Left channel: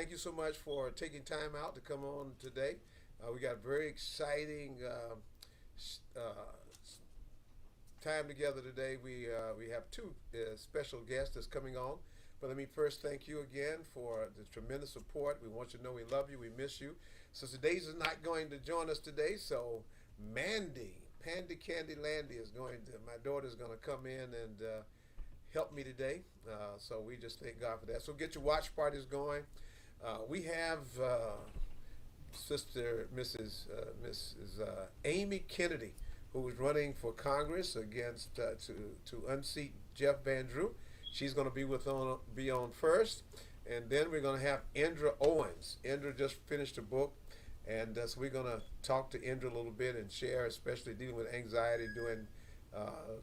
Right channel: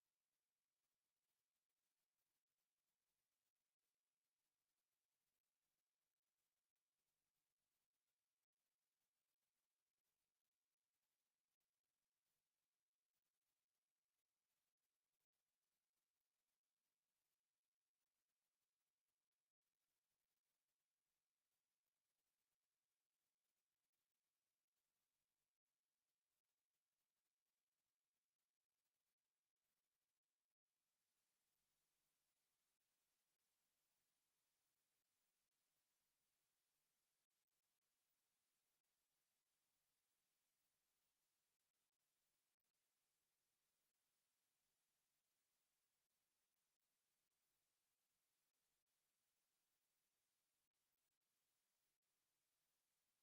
Thank you so much for taking time out to come on today. We got a very exciting time together today. We have two special guests that's coming on. But let me first thank you again for the tremendous support. We want you to know we love you, we miss you. Sister Daisy is not going to join us today, so Pandy Candy Landy is going to. My daughter is going to come in and help me today. So we just thank God for that. So get your watch parties going. We have Sister Mrs. Amy Kennedy, who is running for Congress against to unseat Jeff Van Drew. She's going to be on first, and then we're going to have Indra Owens. Indra just finished a book, and so we're going to talk to Indra a little bit and share, especially dealing with anxiety during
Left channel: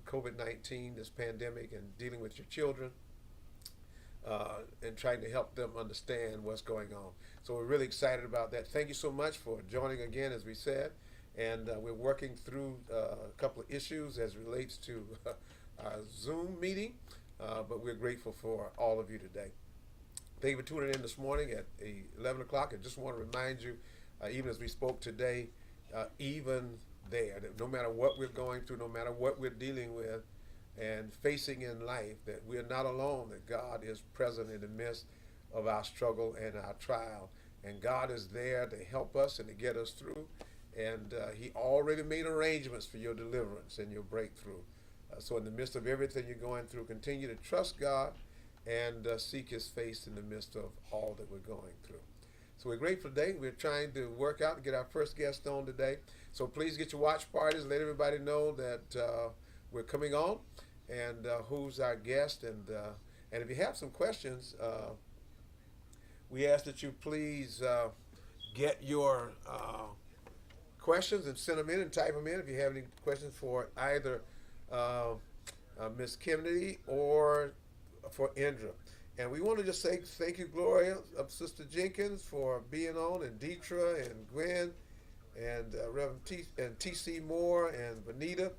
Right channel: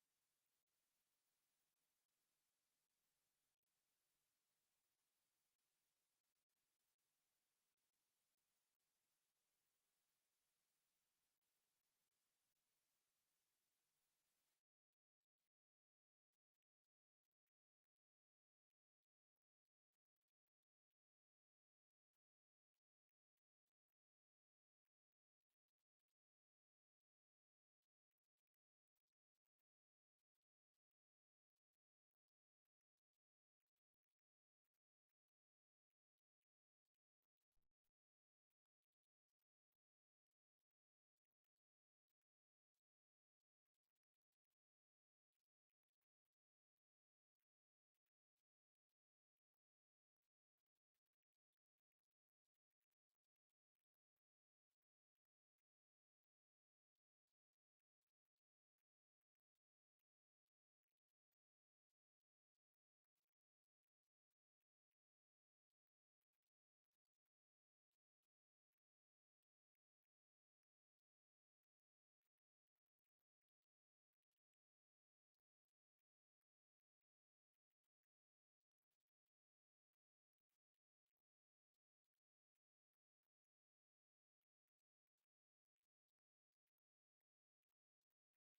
COVID-19, this pandemic, and dealing with your children and trying to help them understand what's going on. So we're really excited about that. Thank you so much for joining again, as we said. And we're working through a couple of issues as relates to our Zoom meeting, but we're grateful for all of you today. Thank you for tuning in this morning at 11 o'clock. I just want to remind you, even as we spoke today, even there, that no matter what we're going through, no matter what we're dealing with, and facing in life, that we're not alone, that God is present in the midst of our struggle and our trial. And God is there to help us and to get us through. And He already made arrangements for your deliverance and your breakthrough. So in the midst of everything you're going through, continue to trust God and seek His face in the midst of all that we're going through. So we're grateful today. We're trying to work out to get our first guest on today. So please get your watch parties. Let everybody know that we're coming on and who's our guest. And if you have some questions, we ask that you please get your questions and send them in and type them in if you have any questions for either Miss Kennedy or for Indra. And we want to just say thank you, Gloria, of Sister Jenkins, for being on, and Deetra and Gwen and Reverend T.C. Moore and Vanita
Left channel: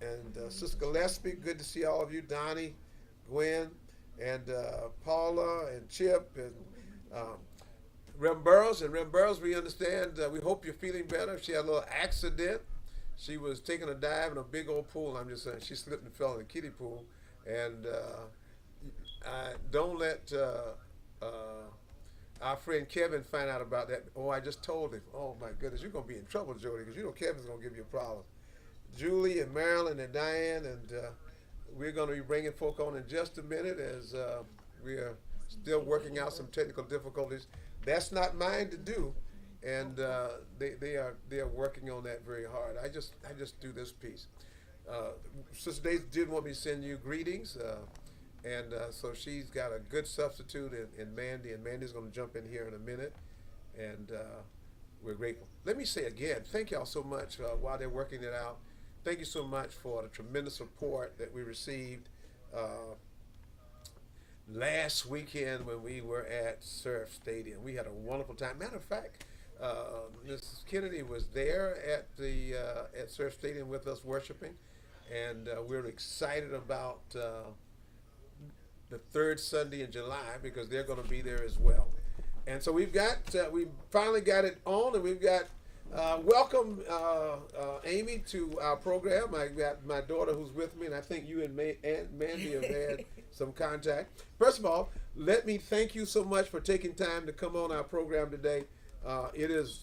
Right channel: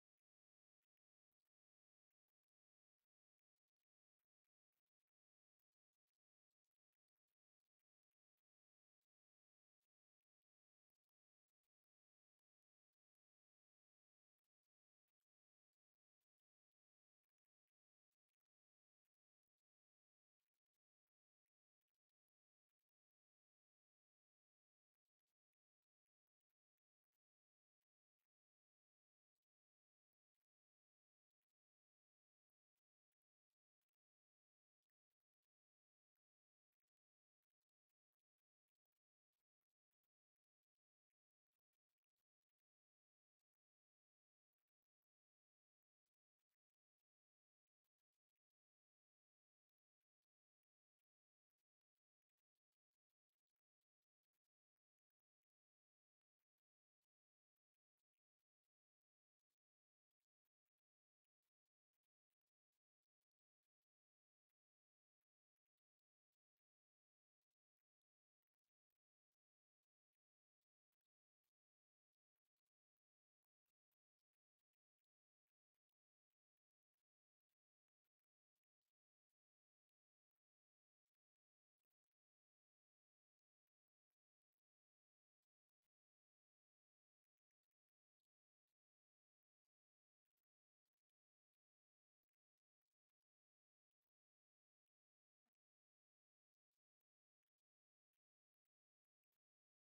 and Sister Gillespie. Good to see all of you, Donnie, Gwen, and Paula and Chip and Reverend Burrows. And Reverend Burrows, we understand, we hope you're feeling better. She had a little accident. She was taking a dive in a big old pool. I'm just saying, she slipped and fell in the kiddie pool. And don't let our friend Kevin find out about that. Oh, I just told him. Oh my goodness, you're gonna be in trouble, Jody, because you know Kevin's gonna give you a problem. Julie and Marilyn and Diane, and we're gonna be bringing folk on in just a minute as we are still working out some technical difficulties. That's not mine to do, and they are working on that very hard. I just do this piece. Sister Daisy did want me to send you greetings. And so she's got a good substitute in Mandy, and Mandy's going to jump in here in a minute, and we're grateful. Let me say again, thank y'all so much while they're working it out. Thank you so much for the tremendous support that we received last weekend when we were at Surf Stadium. We had a wonderful time. Matter of fact, Mrs. Kennedy was there at Surf Stadium with us worshiping, and we're excited about the third Sunday in July because they're going to be there as well. And so we finally got it on, and we've got welcome Amy to our program. I got my daughter who's with me, and I think you and Mandy have had some contact. First of all, let me thank you so much for taking time to come on our program today. It is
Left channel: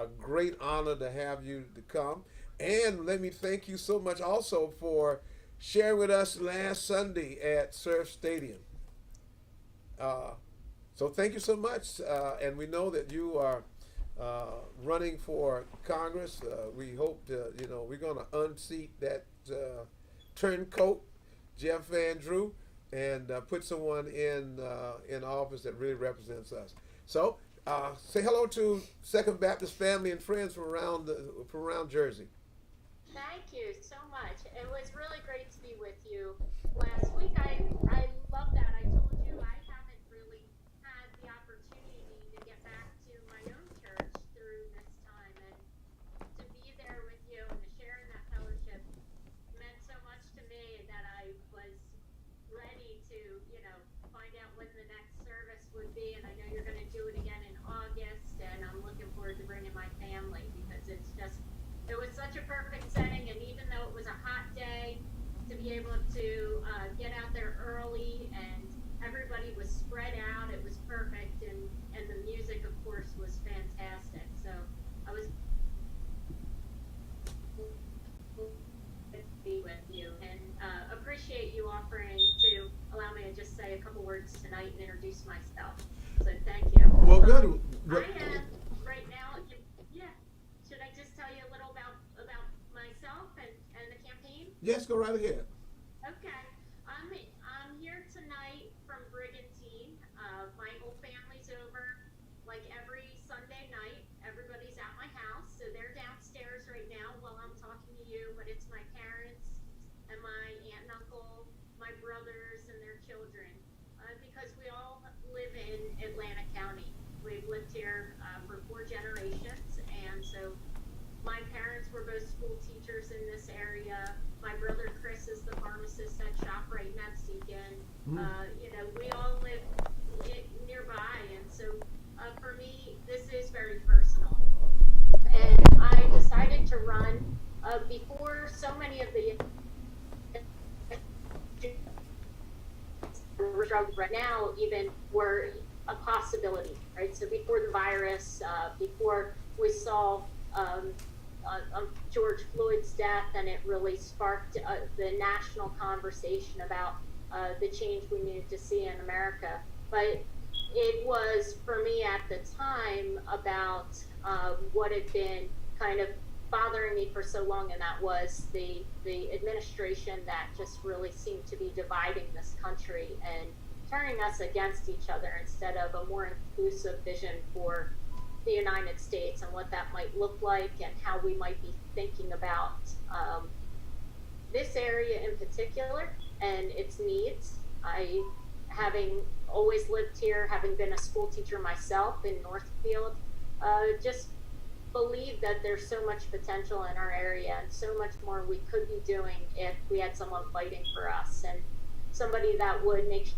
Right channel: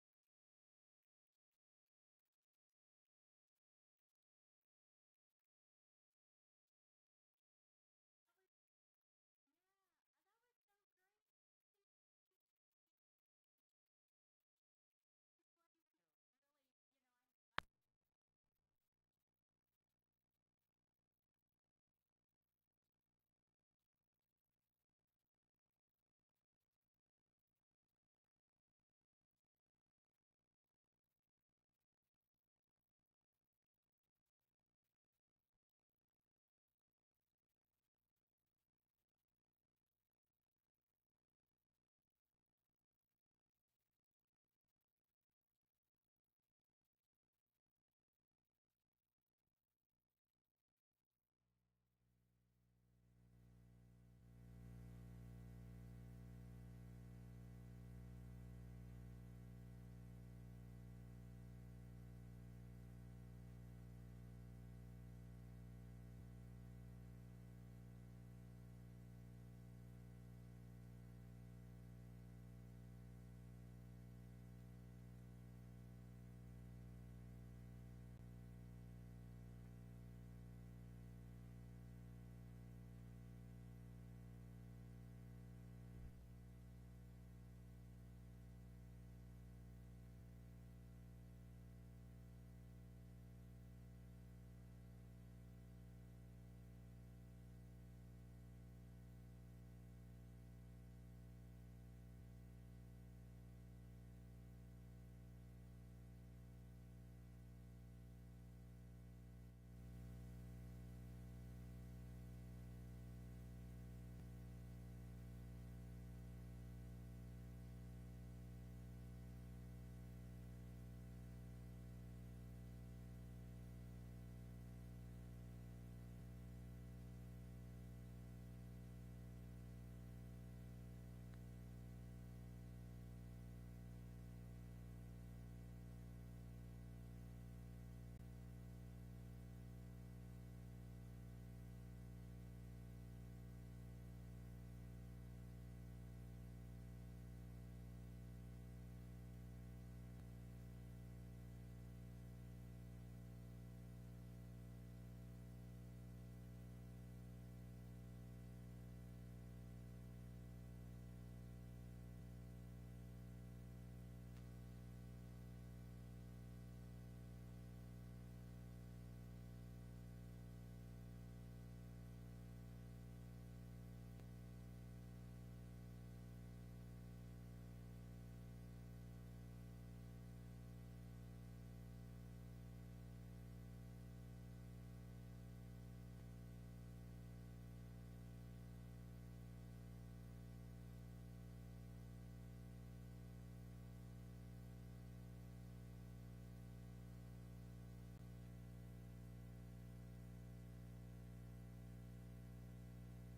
a great honor to have you to come. And let me thank you so much also for sharing with us last Sunday at Surf Stadium. So thank you so much. And we know that you are running for Congress. We hope we're going to unseat that turncoat, Jeff Van Drew, and put someone in office that really represents us. So say hello to Second Baptist family and friends from around Jersey. Thank you so much. It was really great to be with you last week. I love that. I told you I haven't really had the opportunity to get back to my own church through this time, and to be there with you and to share in that fellowship meant so much to me that I was ready to, find out when the next service would be. And I know you're It's just, it was such a perfect setting, and even though it was a hot day, to be able to get out there early and everybody was spread out, it was perfect, and the music, of course, was fantastic. So I was be with you and appreciate you offering to allow me to just say a couple words tonight and introduce myself. So thank you. Well, good. I am right now. Yeah. Should I just tell you a little about myself and the campaign? Yes, go right ahead. Okay. I'm here tonight from Brigantine. My whole family's over like every Sunday night. Everybody's at my house, so they're downstairs right now while I'm talking to you. But it's my parents and my aunt and uncle, my brothers and their children, because we all live in Atlantic County. We've lived here for 4 generations, and so my parents were both school teachers in this area. My brother Chris is the pharmacist at ShopRite Mexican. You know, we all live nearby, and so for me, this is very personal. And I decided to run before so many of the drugs right now even were a possibility, right? So before the virus, before we saw George Floyd's death, and it really sparked the national conversation about the change we needed to see in America. But it was, for me at the time, about what had been kind of bothering me for so long, and that was the administration that just really seemed to be dividing this country and turning us against each other instead of a more inclusive vision for the United States and what that might look like and how we might be thinking about this area in particular and its needs. I, having always lived here, having been a school teacher myself in Northfield, just believe that there's so much potential in our area and so much more we could be doing if we had someone fighting for us and somebody that would make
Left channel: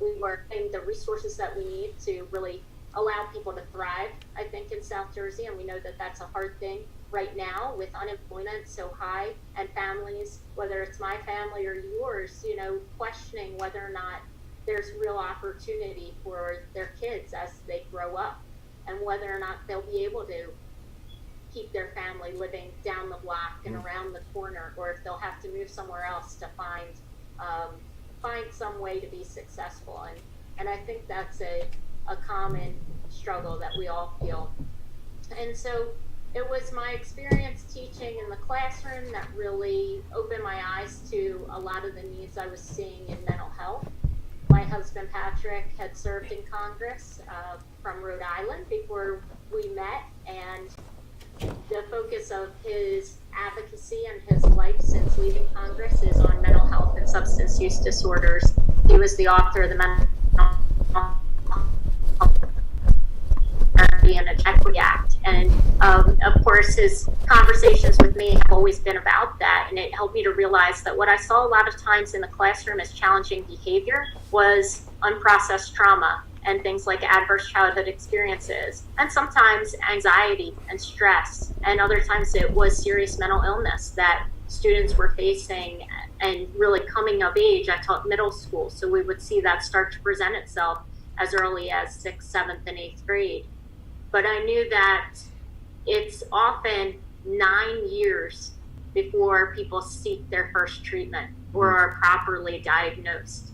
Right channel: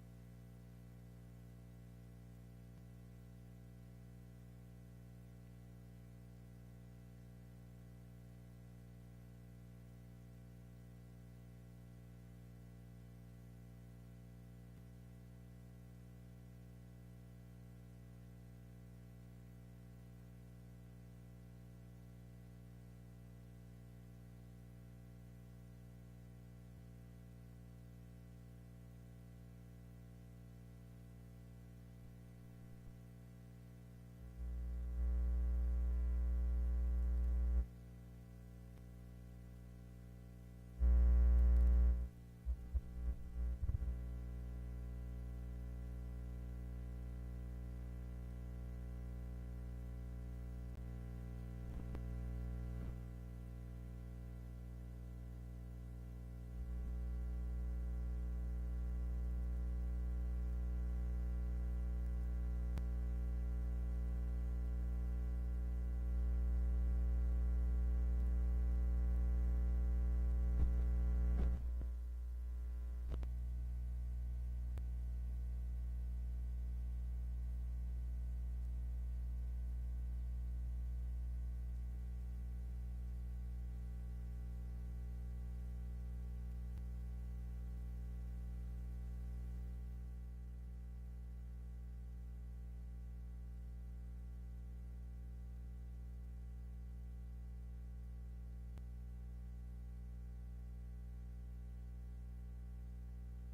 we were getting the resources that we need to really allow people to thrive, I think, in South Jersey. And we know that that's a hard thing right now with unemployment so high and families, whether it's my family or yours, you know, questioning whether or not there's real opportunity for their kids as they grow up and whether or not they'll be able to keep their family living down the block and around the corner, or if they'll have to move somewhere else to find some way to be successful. And I think that's a common struggle that we all feel. And so it was my experience teaching in the classroom that really opened my eyes to a lot of the needs I was seeing in mental health. My husband Patrick had served in Congress from Rhode Island before we met, and the focus of his advocacy and his life since leaving Congress is on mental health and substance use disorders. He was the author of the Mental Health and Equity Act. And of course, his conversations with me have always been about that. And it helped me to realize that what I saw a lot of times in the classroom as challenging behavior was unprocessed trauma and things like adverse childhood experiences, and sometimes anxiety and stress. And other times it was serious mental illness that students were facing and really coming of age. I taught middle school, so we would see that start to present itself as early as 6th, 7th, and 8th grade. But I knew that it's often 9 years before people seek their first treatment or are properly diagnosed.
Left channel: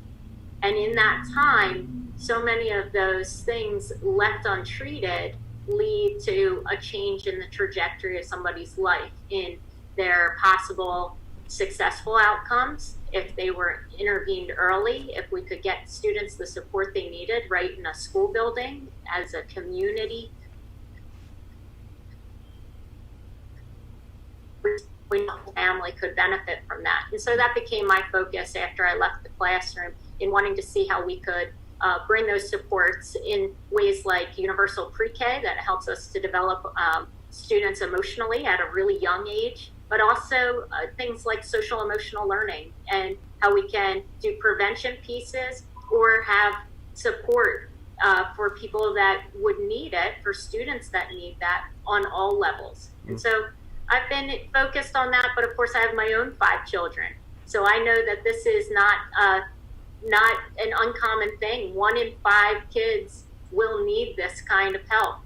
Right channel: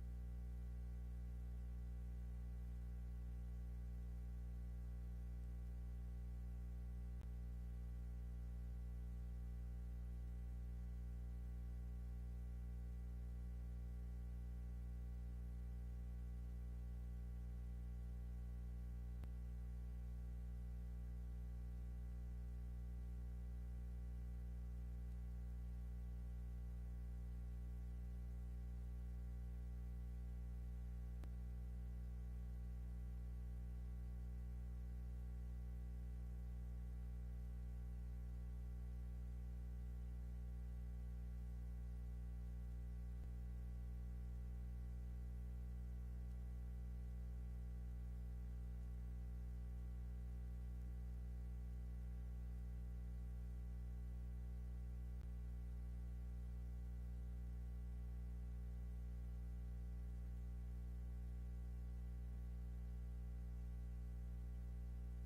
And in that time, so many of those things left untreated lead to a change in the trajectory of somebody's life, in their possible successful outcomes if they were intervened early, if we could get students the support they needed right in a school building as a community. The whole family could benefit from that. And so that became my focus after I left the classroom, in wanting to see how we could bring those supports in ways like universal pre-K that helps us to develop students emotionally at a really young age, but also things like social emotional learning and how we can do prevention pieces or have support for people that would need it, for students that need that on all levels. And so I've been focused on that, but of course I have my own 5 children. So I know that this is not an uncommon thing. 1 in 5 kids will need this kind of help.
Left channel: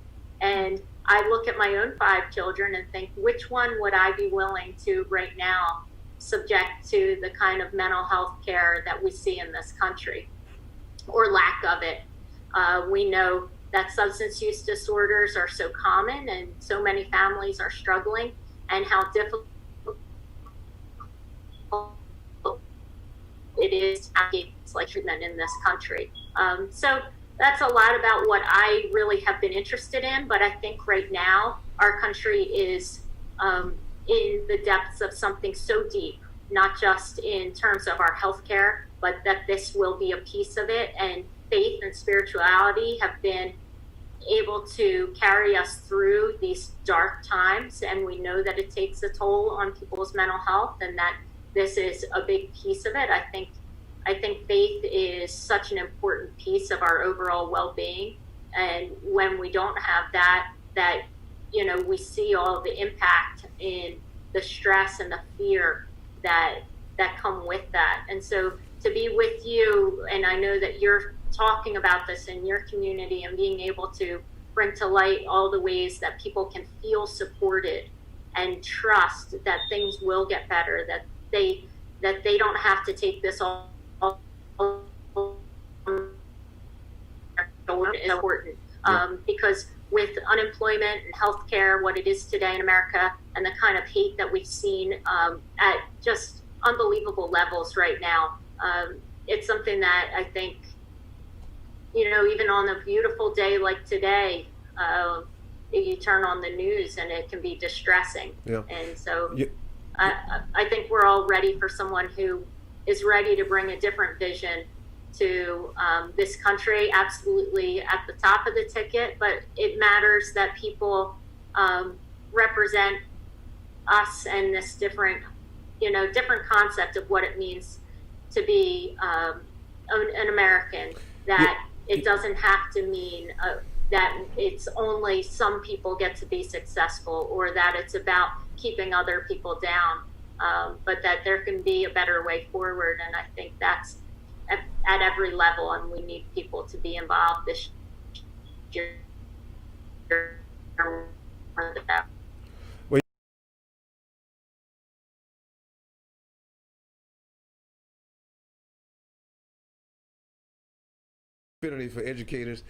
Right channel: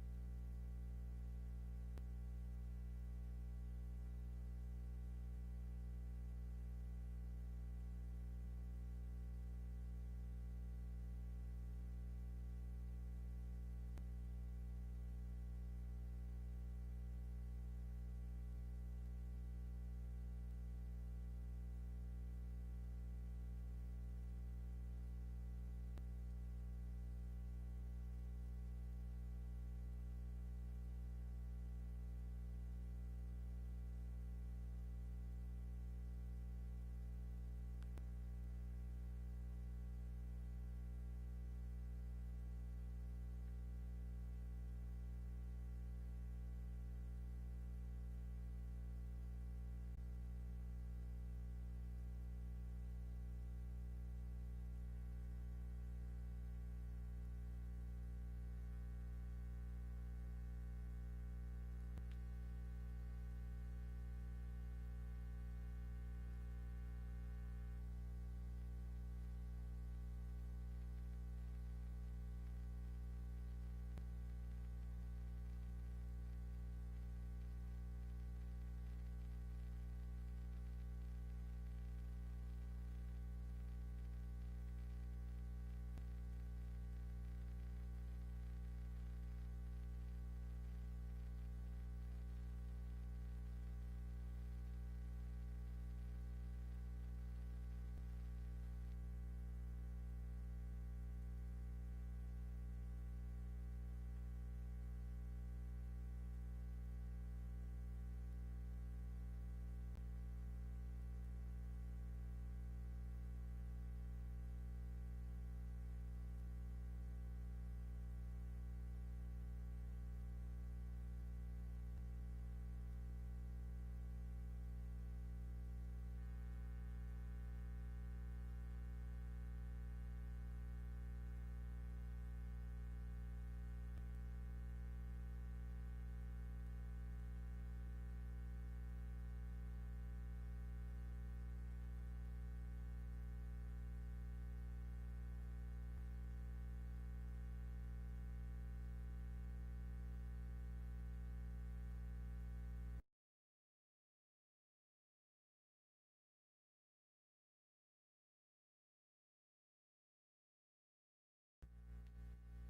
And I look at my own 5 children and think, which one would I be willing to right now subject to the kind of mental health care that we see in this country, or lack of it? We know that substance use disorders are so common and so many families are struggling, and how difficult it is to get like treatment in this country. So that's a lot about what I really have been interested in, but I think right now our country is in the depths of something so deep, not just in terms of our healthcare, but that this will be a piece of it. And faith and spirituality have been able to carry us through these dark times, and we know that it takes a toll on people's mental health, and that this is a big piece of it. I think faith is such an important piece of our overall well-being, and when we don't have that we see all the impact in the stress and the fear that come with that. And so to be with you, and I know that you're talking about this in your community and being able to bring to light all the ways that people can feel supported and trust that things will get better, that they don't have to take this all is important. Because with unemployment and healthcare, what it is today in America, and the kind of hate that we've seen at just unbelievable levels right now, it's something that I think, even on a beautiful day like today, you turn on the news and it can be distressing. Yeah. And so I think we're all ready for someone who is ready to bring a different vision to this country, absolutely at the top of the ticket, but it matters that people represent us and this different concept of what it means to be an American, that it doesn't have to mean that it's only some people get to be successful, or that it's about keeping other people down, but that there can be a better way forward. And I think that's at every level, and we need people to be involved this year. For educators.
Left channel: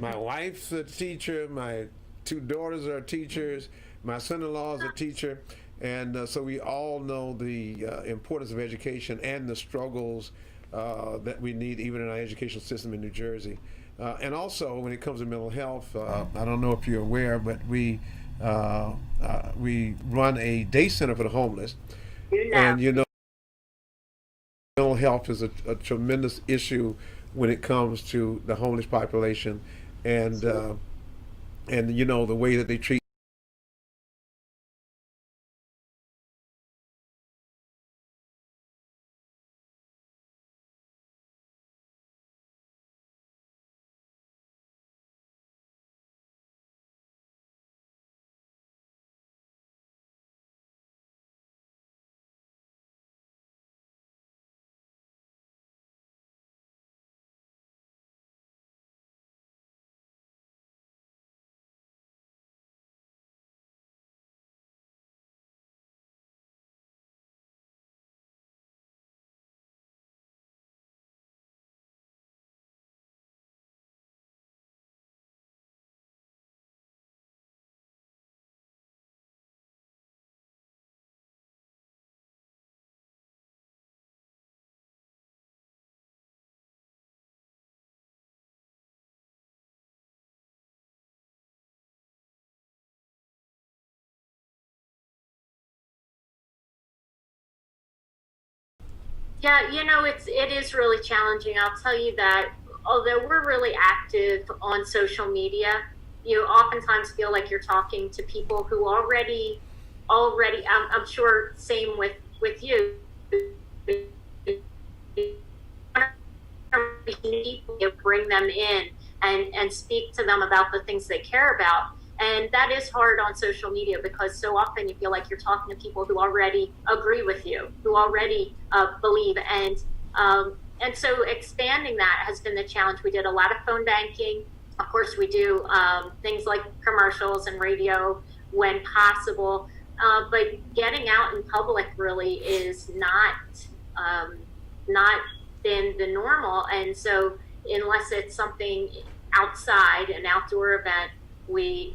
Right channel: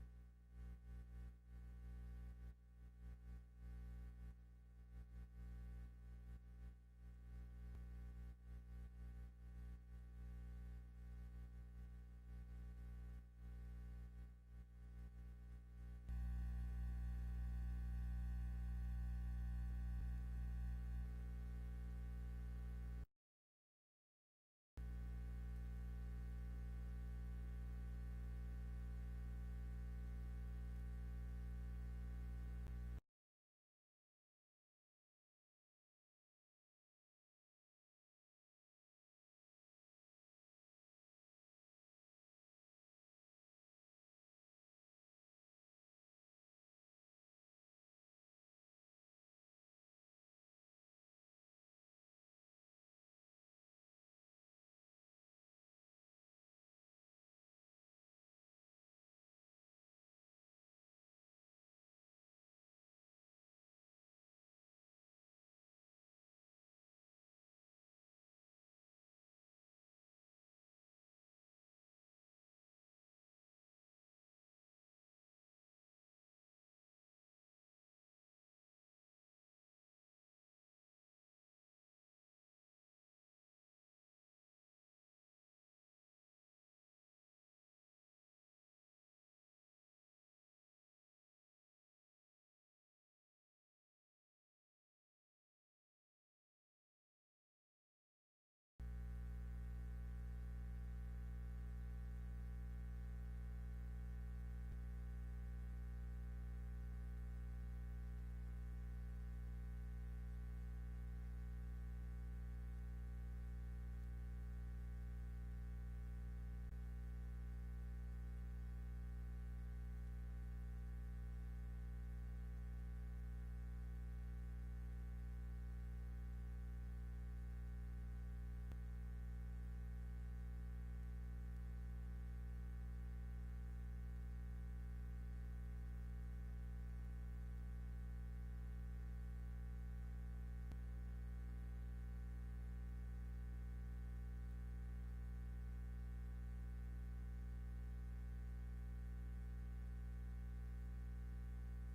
My wife's a teacher, my 2 daughters are teachers, my son-in-law is a teacher, and so we all know the importance of education and the struggles that we need even in our educational system in New Jersey. And also when it comes to mental health, I don't know if you're aware, but we run a day center for the homeless. And mental health is a tremendous issue when it comes to the homeless population, and the way that they treat Yeah, it is really challenging. I'll tell you that although we're really active on social media, you oftentimes feel like you're talking to people who already, I'm sure same with you. Bring them in and speak to them about the things they care about. And that is hard on social media because so often you feel like you're talking to people who already agree with you, who already believe. And so expanding that has been the challenge. We did a lot of phone banking. Of course, we do things like commercials and radio when possible. But getting out in public really is not been the normal. And so unless it's something outside, an outdoor event, we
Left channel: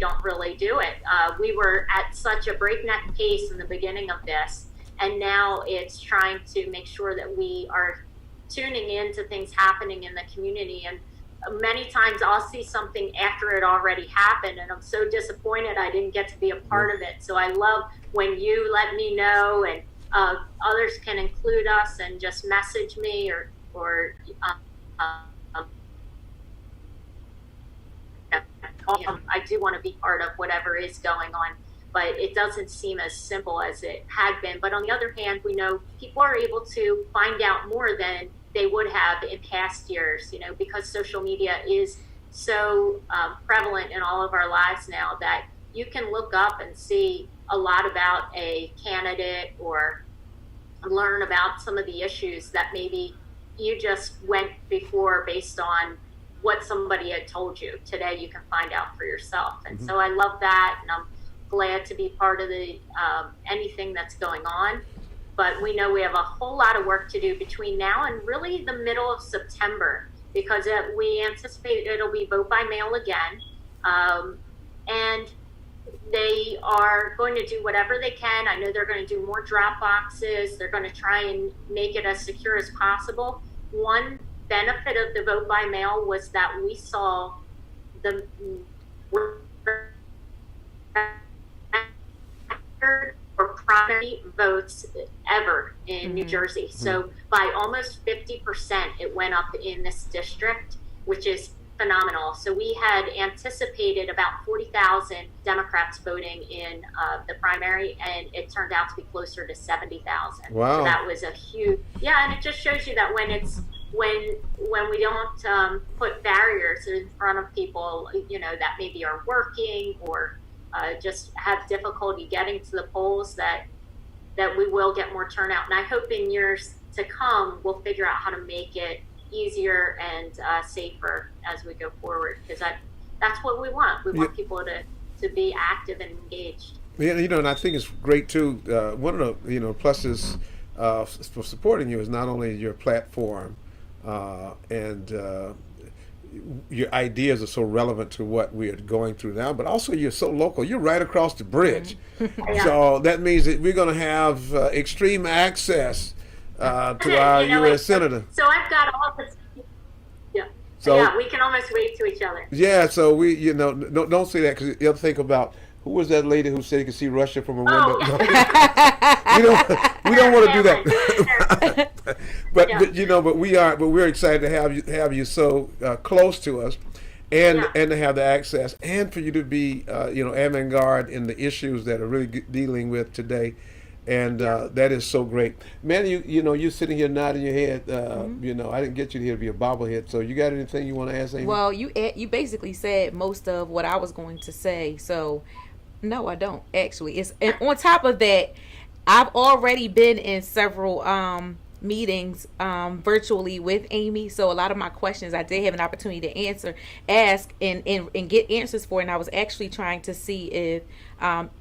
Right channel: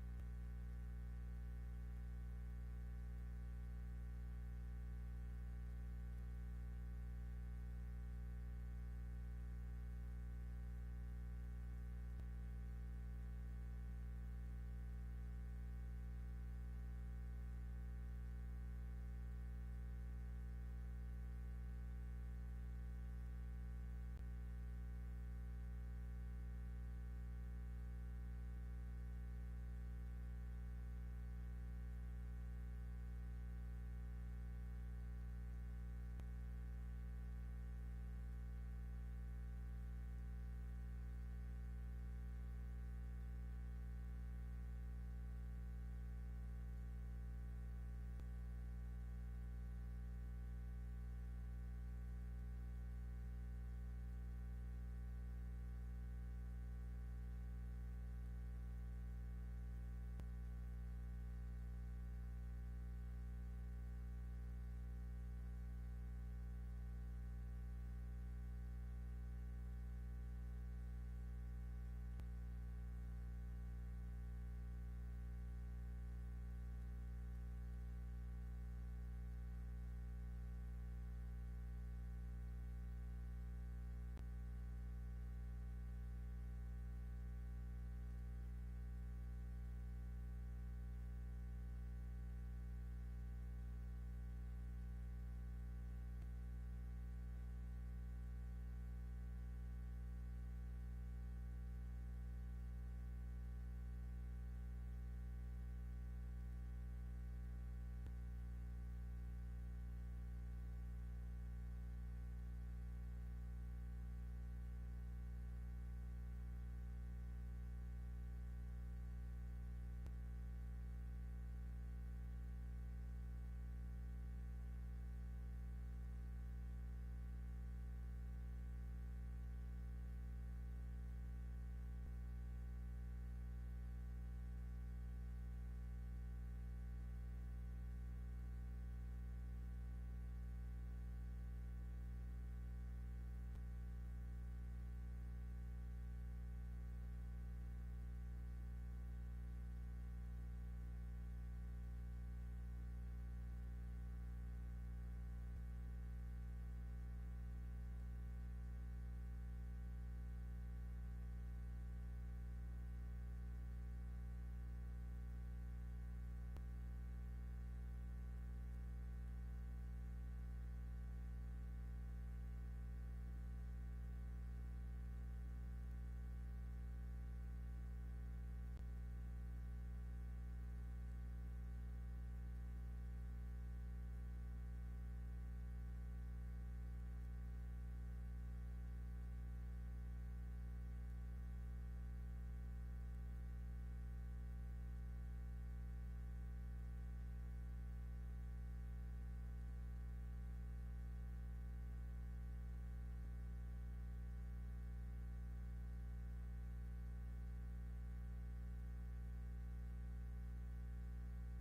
don't really do it. We were at such a breakneck pace in the beginning of this, and now it's trying to make sure that we are tuning in to things happening in the community. And many times I'll see something after it already happened, and I'm so disappointed I didn't get to be a part of it. So I love when you let me know, and others can include us and just message me or I do want to be part of whatever is going on, but it doesn't seem as simple as it had been. But on the other hand, we know people are able to find out more than they would have in past years, because social media is so prevalent in all of our lives now that you can look up and see a lot about a candidate or learn about some of the issues that maybe you just went before based on what somebody had told you. Today you can find out for yourself. And so I love that, and I'm glad to be part of the anything that's going on. But we know we have a whole lot of work to do between now and really the middle of September, because we anticipate it'll be vote by mail again. And they are going to do whatever they can. I know they're going to do more drop boxes. They're going to try and make it as secure as possible. One benefit of the vote by mail was that we saw the or primary votes ever in New Jersey. So by almost 50%, it went up in this district, which is phenomenal. So we had anticipated about 40,000 Democrats voting in the primary, and it turned out to be closer to 70,000. Wow. So that was a huge, and it just shows you that when we don't put barriers in front of people, that maybe are working or just have difficulty getting to the polls, that we will get more turnout. And I hope in years to come, we'll figure out how to make it easier and safer as we go forward, because that's what we want. We want people to be active and engaged. Yeah, and I think it's great too. One of the pluses for supporting you is not only your platform and your ideas are so relevant to what we are going through now, but also you're so local. You're right across the bridge. Yeah. So that means that we're going to have extreme access to our U.S. Senator. So I've got all this. Yeah. So yeah, we can almost wave to each other. Yeah. So we, don't say that, because you'll think about who was that lady who said you could see Russia from a window. Oh. We don't want to do that. but we're excited to have you so close to us, and to have the access, and for you to be avant-garde in the issues that are really dealing with today. And that is so great, man. You sitting here nodding your head. I didn't get you here to be a bobblehead. So you got anything you want to ask, Amy? Well, you basically said most of what I was going to say. So no, I don't actually. And on top of that, I've already been in several meetings virtually with Amy. So a lot of my questions I did have an opportunity to ask and get answers for. And I was actually trying to see if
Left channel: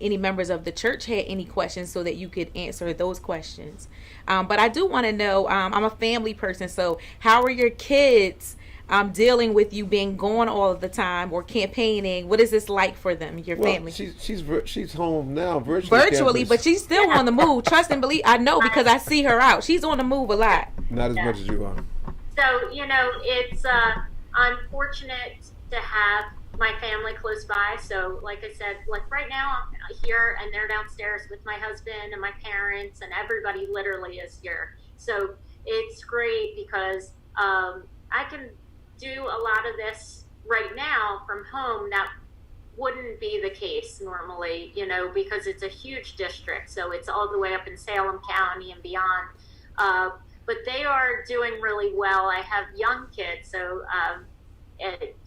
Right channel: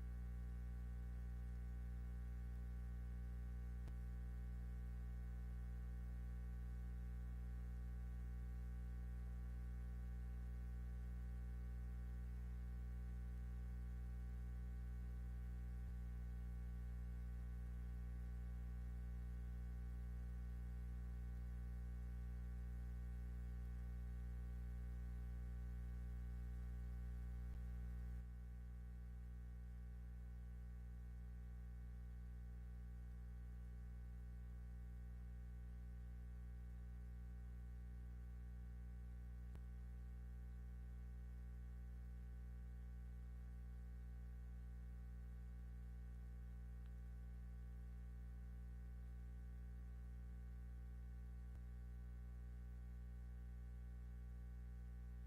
any members of the church had any questions so that you could answer those questions. But I do want to know, I'm a family person, so how are your kids dealing with you being gone all of the time or campaigning? What is this like for them, your family? She's home now virtually, but she's still on the move. Trust and believe. I know, because I see her out. She's on the move a lot. Not as much as you are. So it's unfortunate to have my family close by. So like I said, like right now I'm here and they're downstairs with my husband and my parents, and everybody literally is here. So it's great because I can do a lot of this right now from home. That wouldn't be the case normally, because it's a huge district. So it's all the way up in Salem County and beyond. But they are doing really well. I have young kids, so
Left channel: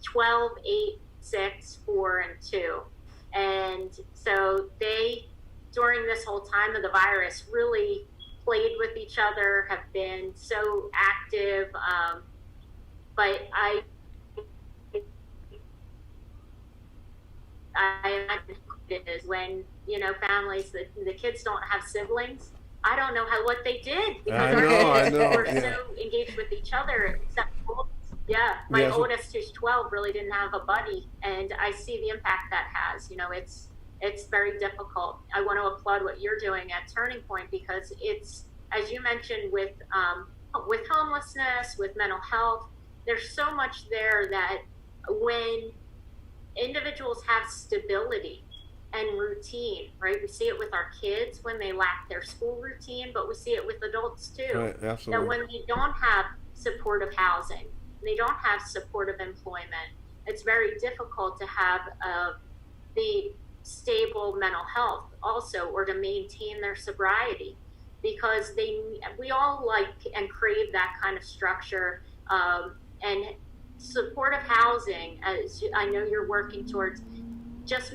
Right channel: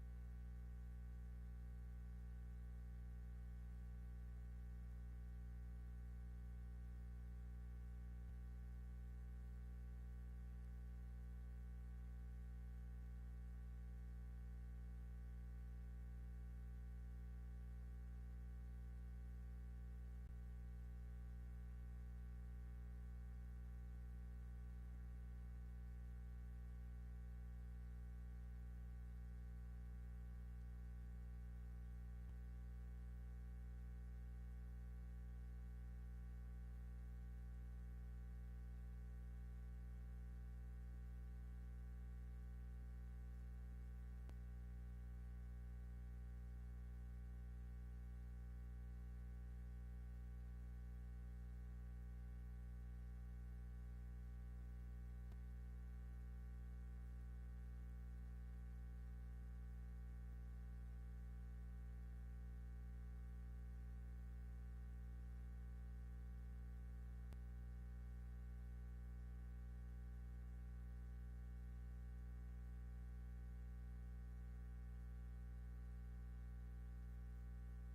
12, 8, 6, 4, and 2. And so they, during this whole time of the virus, really played with each other, have been so active. But I imagine it is when, families, the kids don't have siblings. I don't know what they did because I know, were yeah. so engaged with each other. Except, my oldest, who's 12, really didn't have a buddy, and I see the impact that has. It's very difficult. I want to applaud what you're doing at Turning Point, because it's, as you mentioned, with homelessness, with mental health, there's so much there that when individuals have stability and routine, right? We see it with our kids when they lack their school routine, but we see it with adults too. Right, absolutely. That when they don't have supportive housing, they don't have supportive employment, it's very difficult to have the stable mental health also, or to maintain their sobriety, because we all like and crave that kind of structure, and supportive housing, as I know you're working towards, just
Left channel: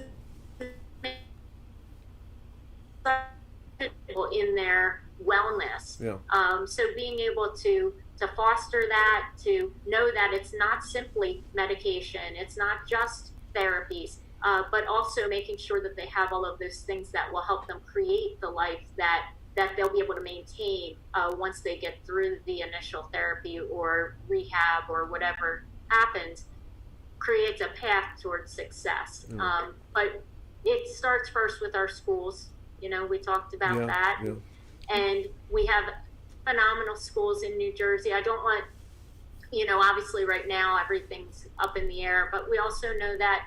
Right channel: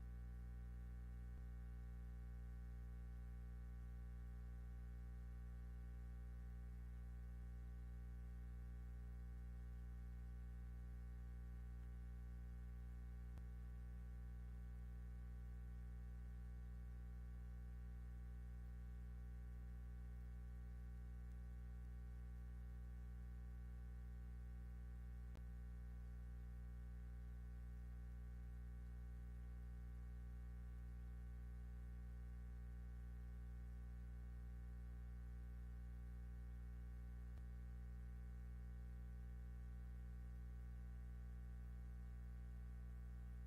in their wellness. Yeah. So being able to foster that, to know that it's not simply medication, it's not just therapies, but also making sure that they have all of those things that will help them create the life that they'll be able to maintain once they get through the initial therapy or rehab or whatever happens, creates a path towards success. But it starts first with our schools. We talked about that. Yeah. And we have phenomenal schools in New Jersey. I don't want, obviously right now everything's up in the air, but we also know that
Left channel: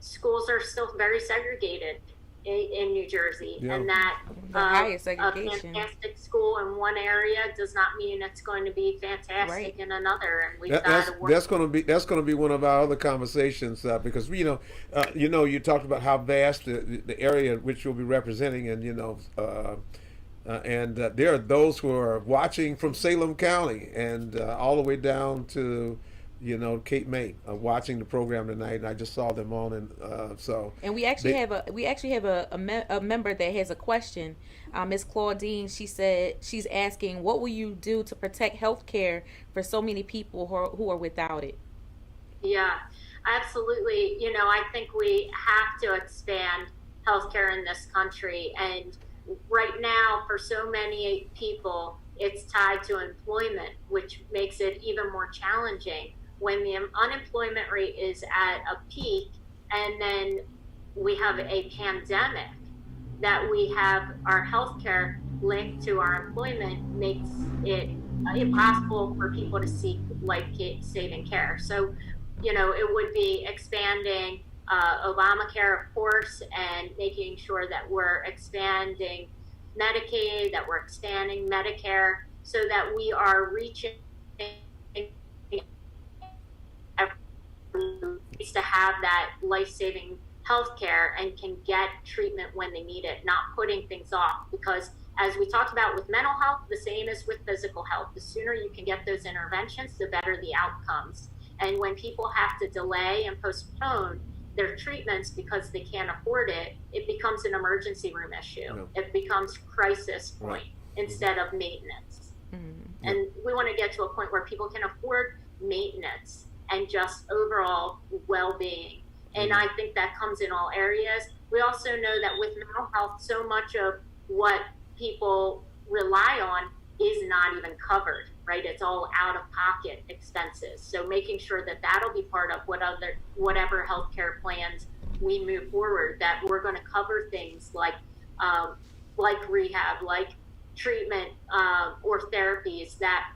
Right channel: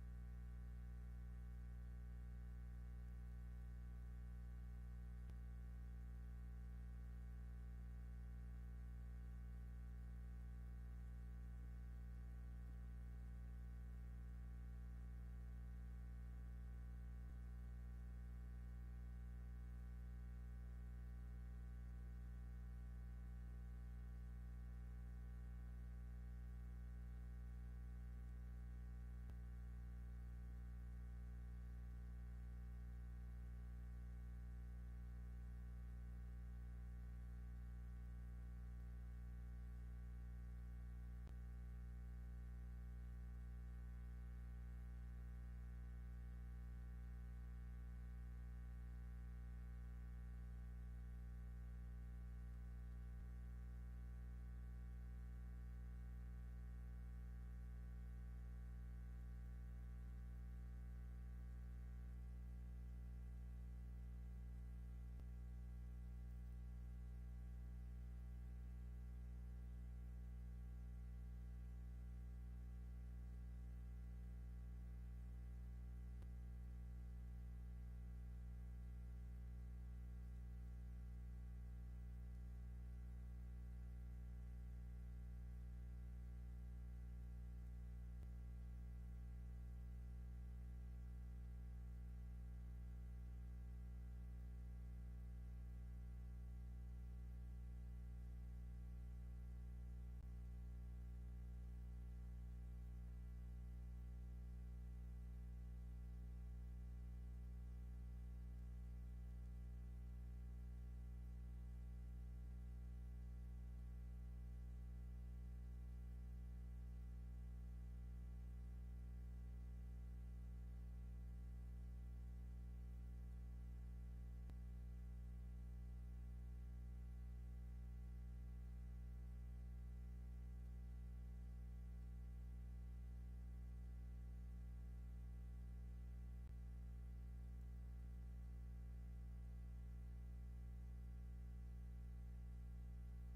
schools are still very segregated in New Jersey, and that the highest a segregation. fantastic school in one area does not mean it's going to be fantastic in another. And we've got to work. That's going to be one of our other conversations, because you talked about how vast the area which you'll be representing, and and there are those who are watching from Salem County and all the way down to Cape May, watching the program tonight, and I just saw them on, and And we actually have a member that has a question. Miss Claudine, she said she's asking, what will you do to protect health care for so many people who are without it? Yeah, absolutely. I think we have to expand healthcare in this country, and right now, for so many people, it's tied to employment, which makes it even more challenging when the unemployment rate is at a peak, and then we have a pandemic, that we have our healthcare linked to our employment, makes it impossible for people to seek life-saving care. So, it would be expanding Obamacare, of course, and making sure that we're expanding Medicaid, that we're expanding Medicare, so that we are reaching to have that life-saving health care and can get treatment when they need it, not putting things off. Because as we talked about with mental health, the same as with physical health. The sooner you can get those interventions, the better the outcomes. And when people have to delay and postpone their treatments because they can't afford it, it becomes an emergency room issue. Yeah. It becomes crisis point instead of maintenance. Mm-hmm. And we want to get to a point where people can afford maintenance and just overall well-being. And I think that comes in all areas. We also know that with mental health, so much of what people rely on is not even covered, right? It's all out-of-pocket expenses. So making sure that that'll be part of whatever healthcare plans we move forward, that we're going to cover things like rehab, like treatment, or therapies that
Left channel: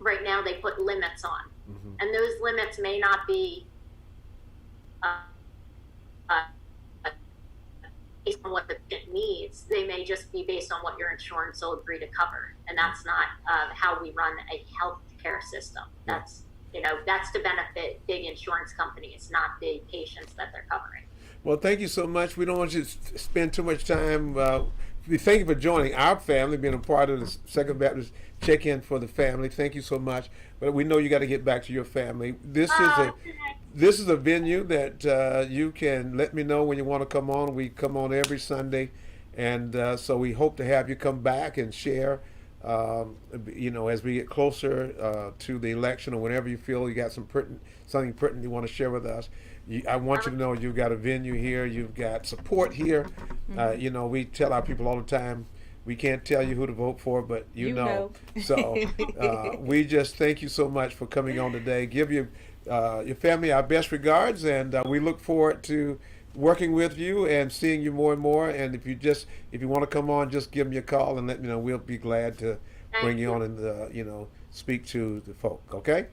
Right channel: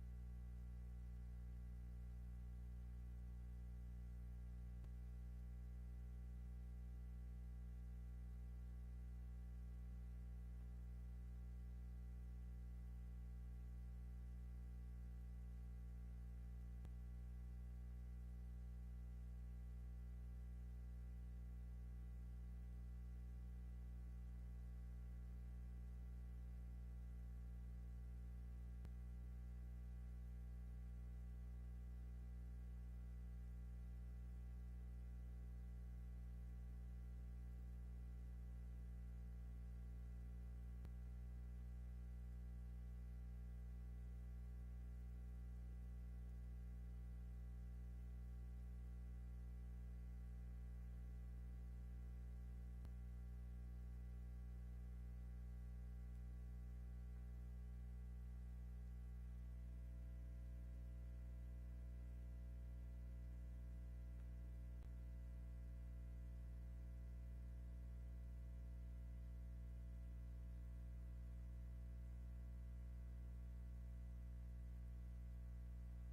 right now they put limits on. Mm-hmm. And those limits may not be based on what the patient needs. They may just be based on what your insurance will agree to cover. And that's not how we run a healthcare system. That's to benefit big insurance companies, not the patients that they're covering. Well, thank you so much. We don't want you to spend too much time we thank you for joining our family, being a part of the Second Baptist Check-In for the family. Thank you so much. But we know you got to get back to your family. This is a venue that you can let me know when you want to come on. We come on every Sunday, and so we hope to have you come back and share. As we get closer to the election, or whenever you feel you got something pertinent you want to share with us. I want you to know you've got a venue here, you've got support here. We tell our people all the time, we can't tell you who to vote for, but you know. So we just thank you so much for coming on today. Give your family our best regards, and we look forward to working with you and seeing you more and more. And if you want to come on, just give me a call and let me know. We'll be glad to bring you on and speak to the folk. Okay.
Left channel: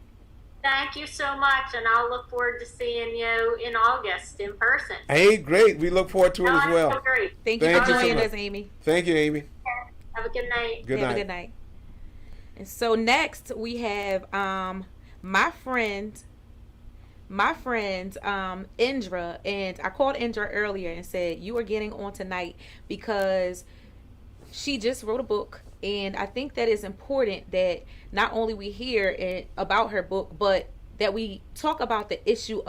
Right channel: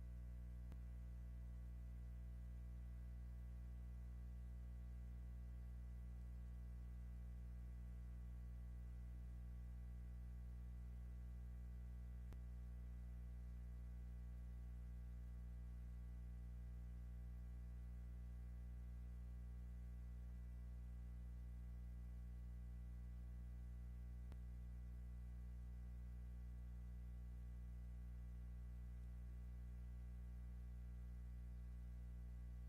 Thank you so much, and I'll look forward to seeing you in August in person. Hey, great. We look forward to it as well. So great. Thank you for joining us, Amy. Thank you, Amy. Have a good night. Good night. Have a good night. And so next we have my friend Indra, and I called Indra earlier and said you are getting on tonight because she just wrote a book, and I think that it's important that not only we hear about her book, but that we talk about the issue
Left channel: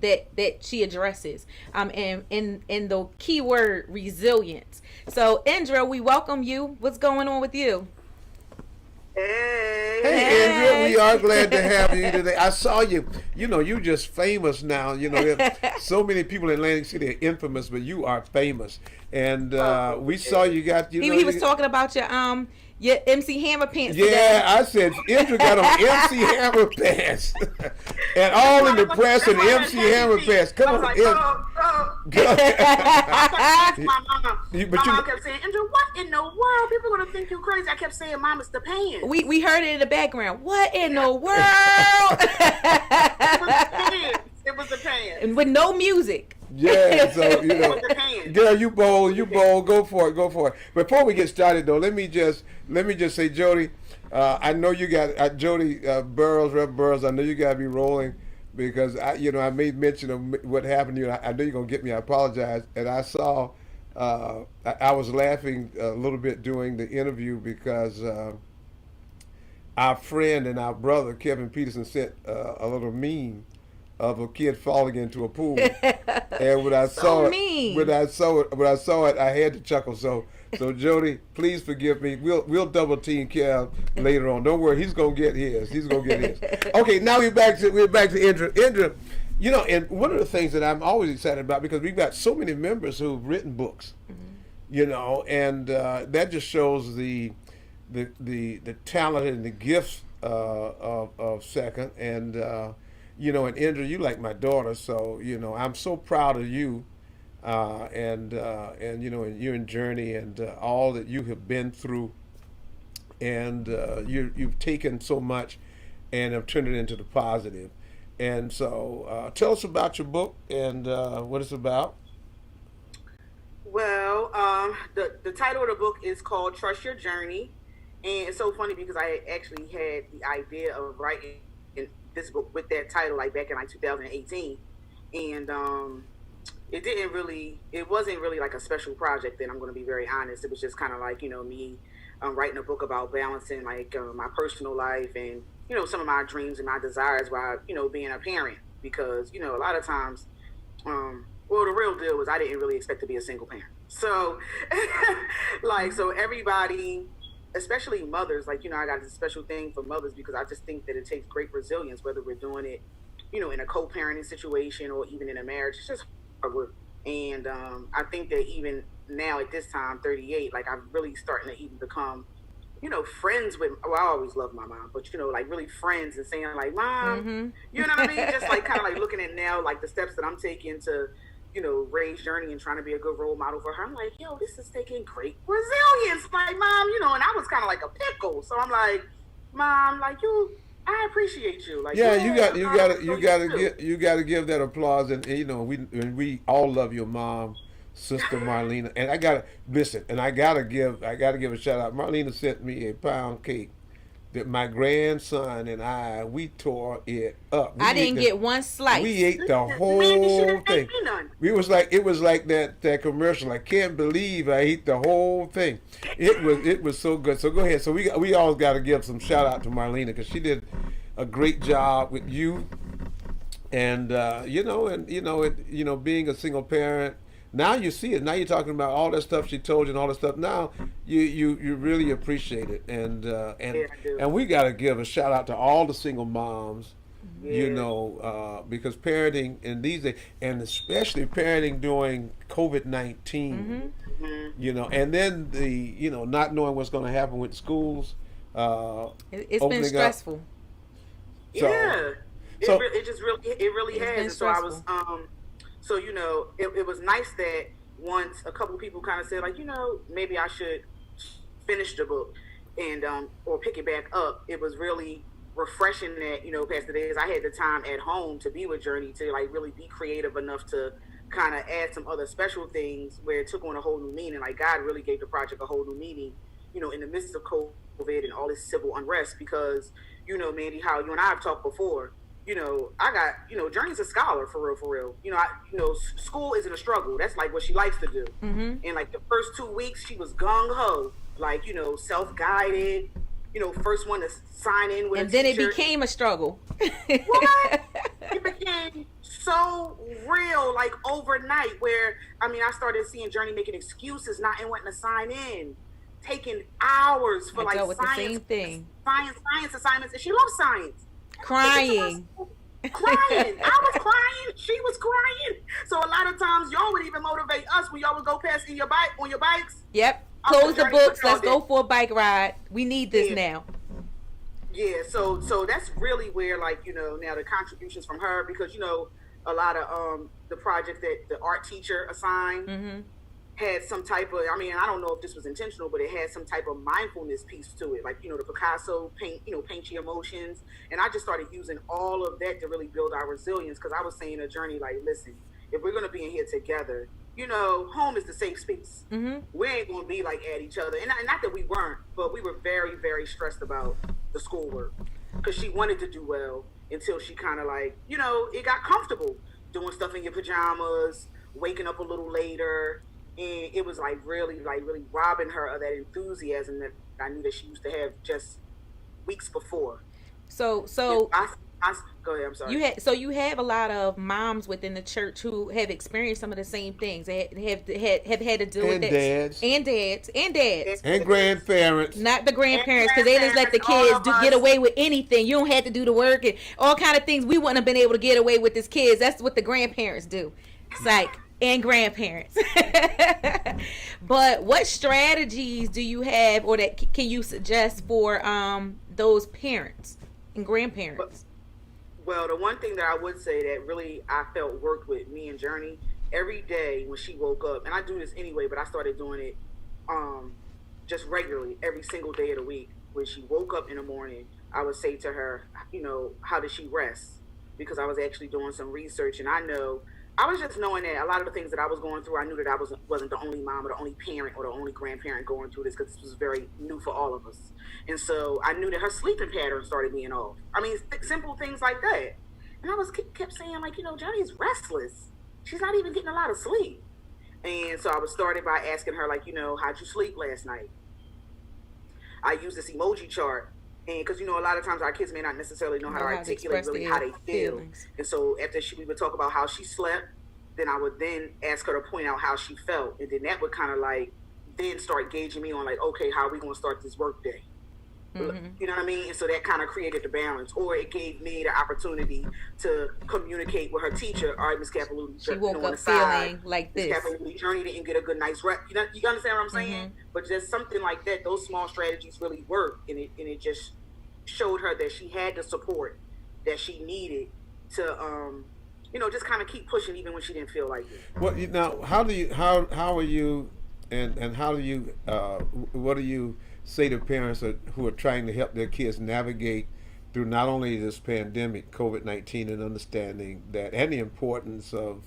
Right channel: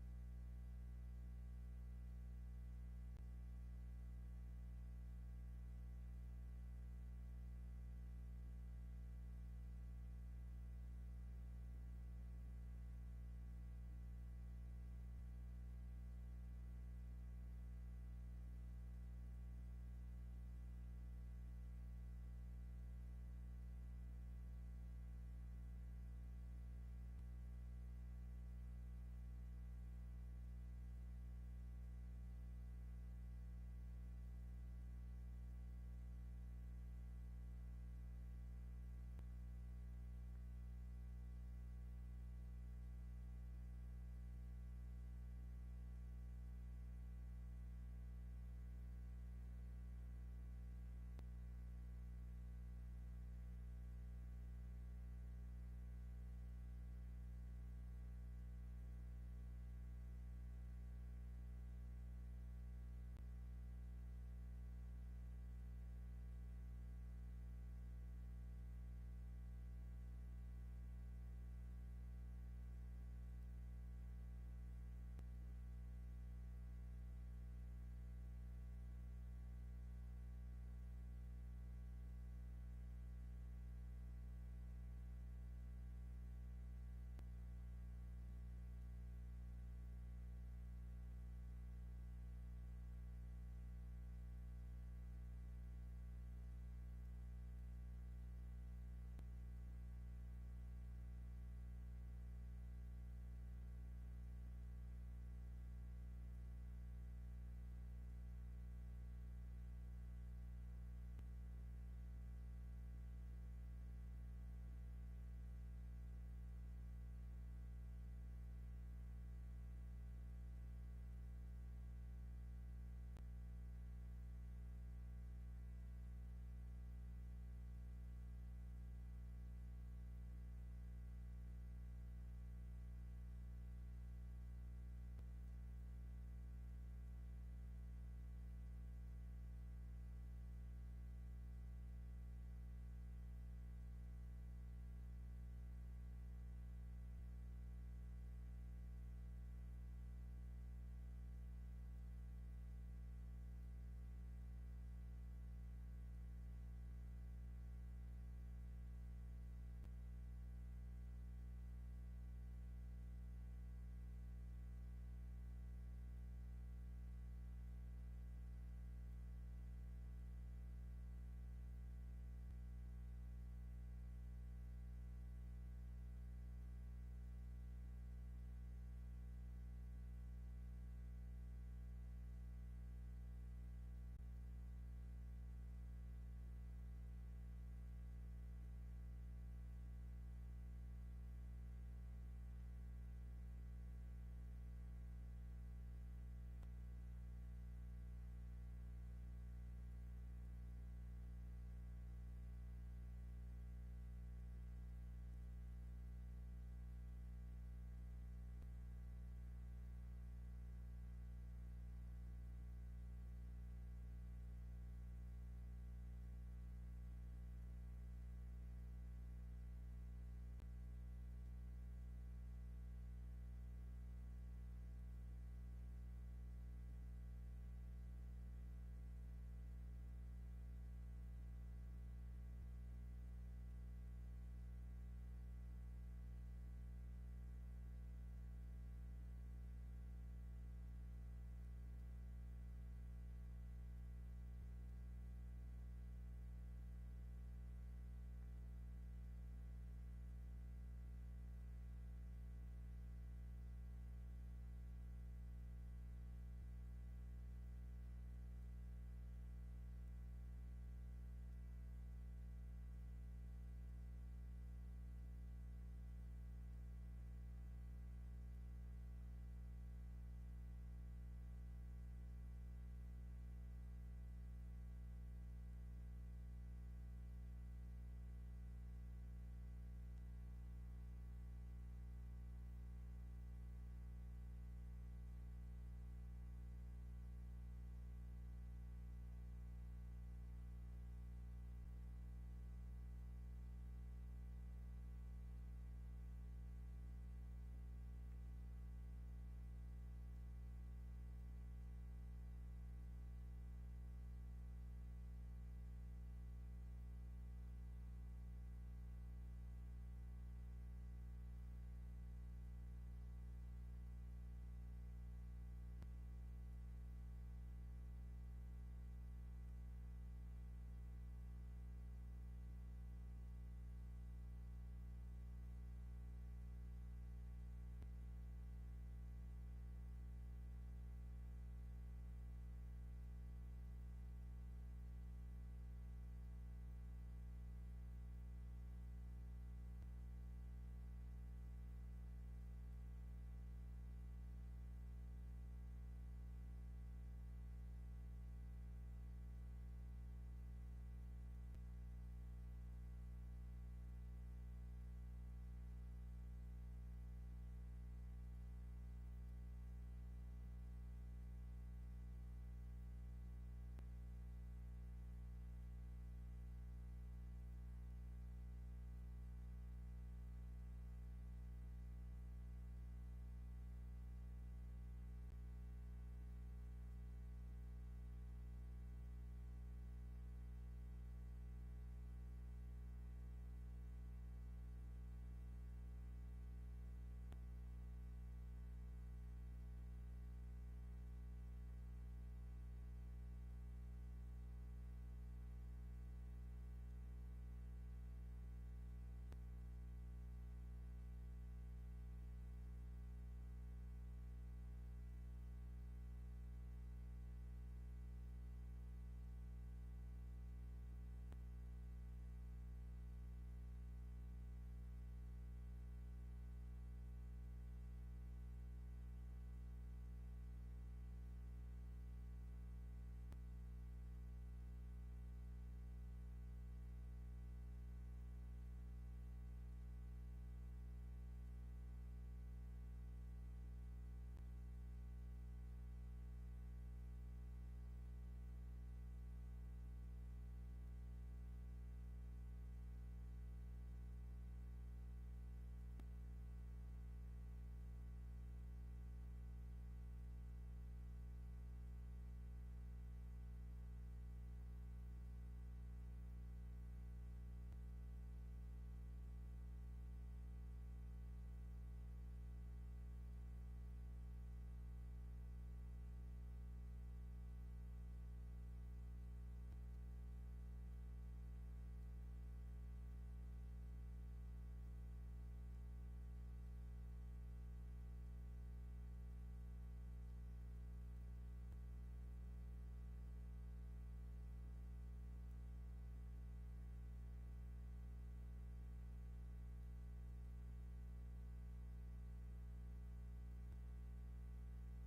that she addresses, and the key word resilience. So Indra, we welcome you. What's going on with you? Hey, Andrea, we are glad to have you today. I saw you. You just famous now. So many people in Atlantic City are infamous, but you are famous. And we saw you got. He was talking about your MC Hammer pants. Yeah, today. I said Andrea got on MC Hammer pants, and all in the press and MC Hammer pants. Come on, my mom kept saying, Andrew, what in the world? People are gonna think you crazy. I kept saying, Mom, it's the pants. We heard it in the background. What in the world? It was the pants. And with no music. Yeah, so girl, you bold, go for it. Before we get started though, let me just say, Jody, I know you got Jody Burrows, Rev Burrows. I know you got to be rolling because I made mention of what happened to you. I know you're gonna get me. I apologize, and I saw I was laughing a little bit during the interview because our friend and our brother Kevin Peterson sent a little meme of a kid falling into a pool, and when I saw it, I had to chuckle. So Jody, please forgive me. We'll double team Kev later on. Don't worry, he's gonna get his. Okay, now we're back to Indra. Indra, and one of the things that I'm always excited about because we've got so many members who've written books, and that just shows the talent and the gifts of Second and. And Indra, you like my daughter, so I'm so proud of you, and you and Journey and all that you have been through, and you've taken so much, and have turned it into the positive. And so, tell us about your book and what it's about. Well, the title of the book is called Trust Your Journey, and it's so funny because I actually had the idea of writing this book with that title back in 2018, and it wasn't really like a special project. Then I'm going to be very honest. It was just kind of like me writing a book about balancing my personal life and some of my dreams and my desires while being a parent, because a lot of times the real deal was I didn't really expect to be a single parent. So so everybody, especially mothers, I got a special thing for mothers because I just think that it takes great resilience, whether we're doing it, in a co-parenting situation or even in a marriage. It's just hard work. And I think that even now at this time, 38, I'm really starting to even become, friends with, I always loved my mom, but, really friends and saying Mom, you know what I mean? Just kind of looking at now, the steps that I'm taking to, raise Journey and trying to be a good role model for her. I'm like, yo, this is taking great resilience. Mom, and I was kind of like a pickle. So I'm like, Mom, I appreciate you. You gotta give that applause. And we all love your mom, Sister Marlena. And I gotta give a shout out. Marlena sent me a pound cake that my grandson and we tore it up. I didn't get one slice. We ate the Man, you whole shouldn't thing. make me none. It was like that commercial. I can't believe I ate the whole thing. It was so good. So go ahead. So we always got to give some shout out to Marlena because she did a great job with you, and being a single parent. Now you see it. Now you're talking about all that stuff she told you and all that stuff. Now you really appreciate it, and Yeah, I do. and we got to give a shout out to all the single moms. Yeah. Because parenting in these days, and especially parenting during COVID-19, and then the not knowing what's going to happen with schools. It's been opening up. stressful. So, Yeah. so- It really It's has. been And so I was stressful. so it was nice that once a couple of people kind of said like, maybe I should finish the book and or pick it back up. It was really refreshing that, past the days I had the time at home to be with Journey to like really be creative enough to kind of add some other special things where it took on a whole new meaning. Like God really gave the project a whole new meaning, in the midst of COVID and all this civil unrest because, Mandy, how you and I have talked before, I got, Journey's a scholar for real. School isn't a struggle. That's like what she likes to do. Mm-hmm. And like the first 2 weeks, she was gung ho, like, self-guided, first one to sign in with And a then it teacher. became a struggle. What? It became so real, like overnight, where, I started seeing Journey making excuses, not wanting to sign in, taking hours for I like dealt with the science, same thing. science assignments, and she loves science. Crying. Crying. I was crying. She was crying. So a lot of times y'all would even motivate us when y'all would go past on your bikes. Yep. I'm Close the Journey books. football Let's go for a bike ride. We need this Yeah. now. Yeah, so that's really where like, now the contributions from her because a lot of the projects that the art teacher assigned Mm-hmm. had some type of I don't know if this was intentional, but it had some type of mindfulness piece to it. Like, the Picasso paint your emotions. And I just started using all of that to really build our resilience because I was saying a Journey like, listen, if we're gonna be in here together, home is the safe space. Mm-hmm. We ain't gonna be like at each other. And not that we weren't, but we were very, very stressed about the schoolwork because she wanted to do well until she kind of like, it got comfortable doing stuff in your pajamas, waking up a little later. And it was like really robbing her of that enthusiasm that I knew that she used to have just weeks before. So Go ahead. I'm sorry. you have a lot of moms within the church who have experienced some of the same things. They have had to deal with and that. dads And dads. and grandparents. Not the grandparents, because they just let the Grandparents, kids all of get us. away with anything. You don't have to do the work and all kind of things we wouldn't have been able to get away with as kids. That's what the grandparents do. Psych. And grandparents. But what strategies do you have or that can you suggest for those parents and grandparents? Well, the one thing that I would say that really I felt worked with me and Journey every day when she woke up, and I do this anyway, but I started doing it just regularly every single day of the week. When she woke up in the morning, I would say to her, how did she rest? Because I was actually doing some research, and I was just knowing that a lot of the things that I was going through, I knew that I wasn't the only mom or the only parent or the only grandparent going through this because this was very new for all of us. And so I knew that her sleeping pattern started being off. Simple things like that. And I kept saying like, Johnny's restless. She's not even getting a lot of sleep. And so I was started by asking her like, how'd you sleep last night? I used this emoji chart. And because, a lot of times our kids may not necessarily know how to articulate really how they feel. feelings. And so after we would talk about how she slept, then I would then ask her to point out how she felt. And then that would kind of like then start gauging me on like, okay, how are we going to start this work day? Mm-hmm. You know what I mean? And so that kind of created the balance. Or it gave me the opportunity to communicate with her teacher. All right, Miss Capilouti, She woke on up the side, feeling like Miss this. Capilouti, Journey didn't get a good night's rest. You understand what I'm saying? Mm-hmm. But just something like that, those small strategies really work, and it just showed her that she had the support that she needed to just kind of keep pushing even when she didn't feel like it. Well, now, how are you, and how do you, what do you say to parents who are trying to help their kids navigate through not only this pandemic, COVID-19, and understanding that, and the importance of,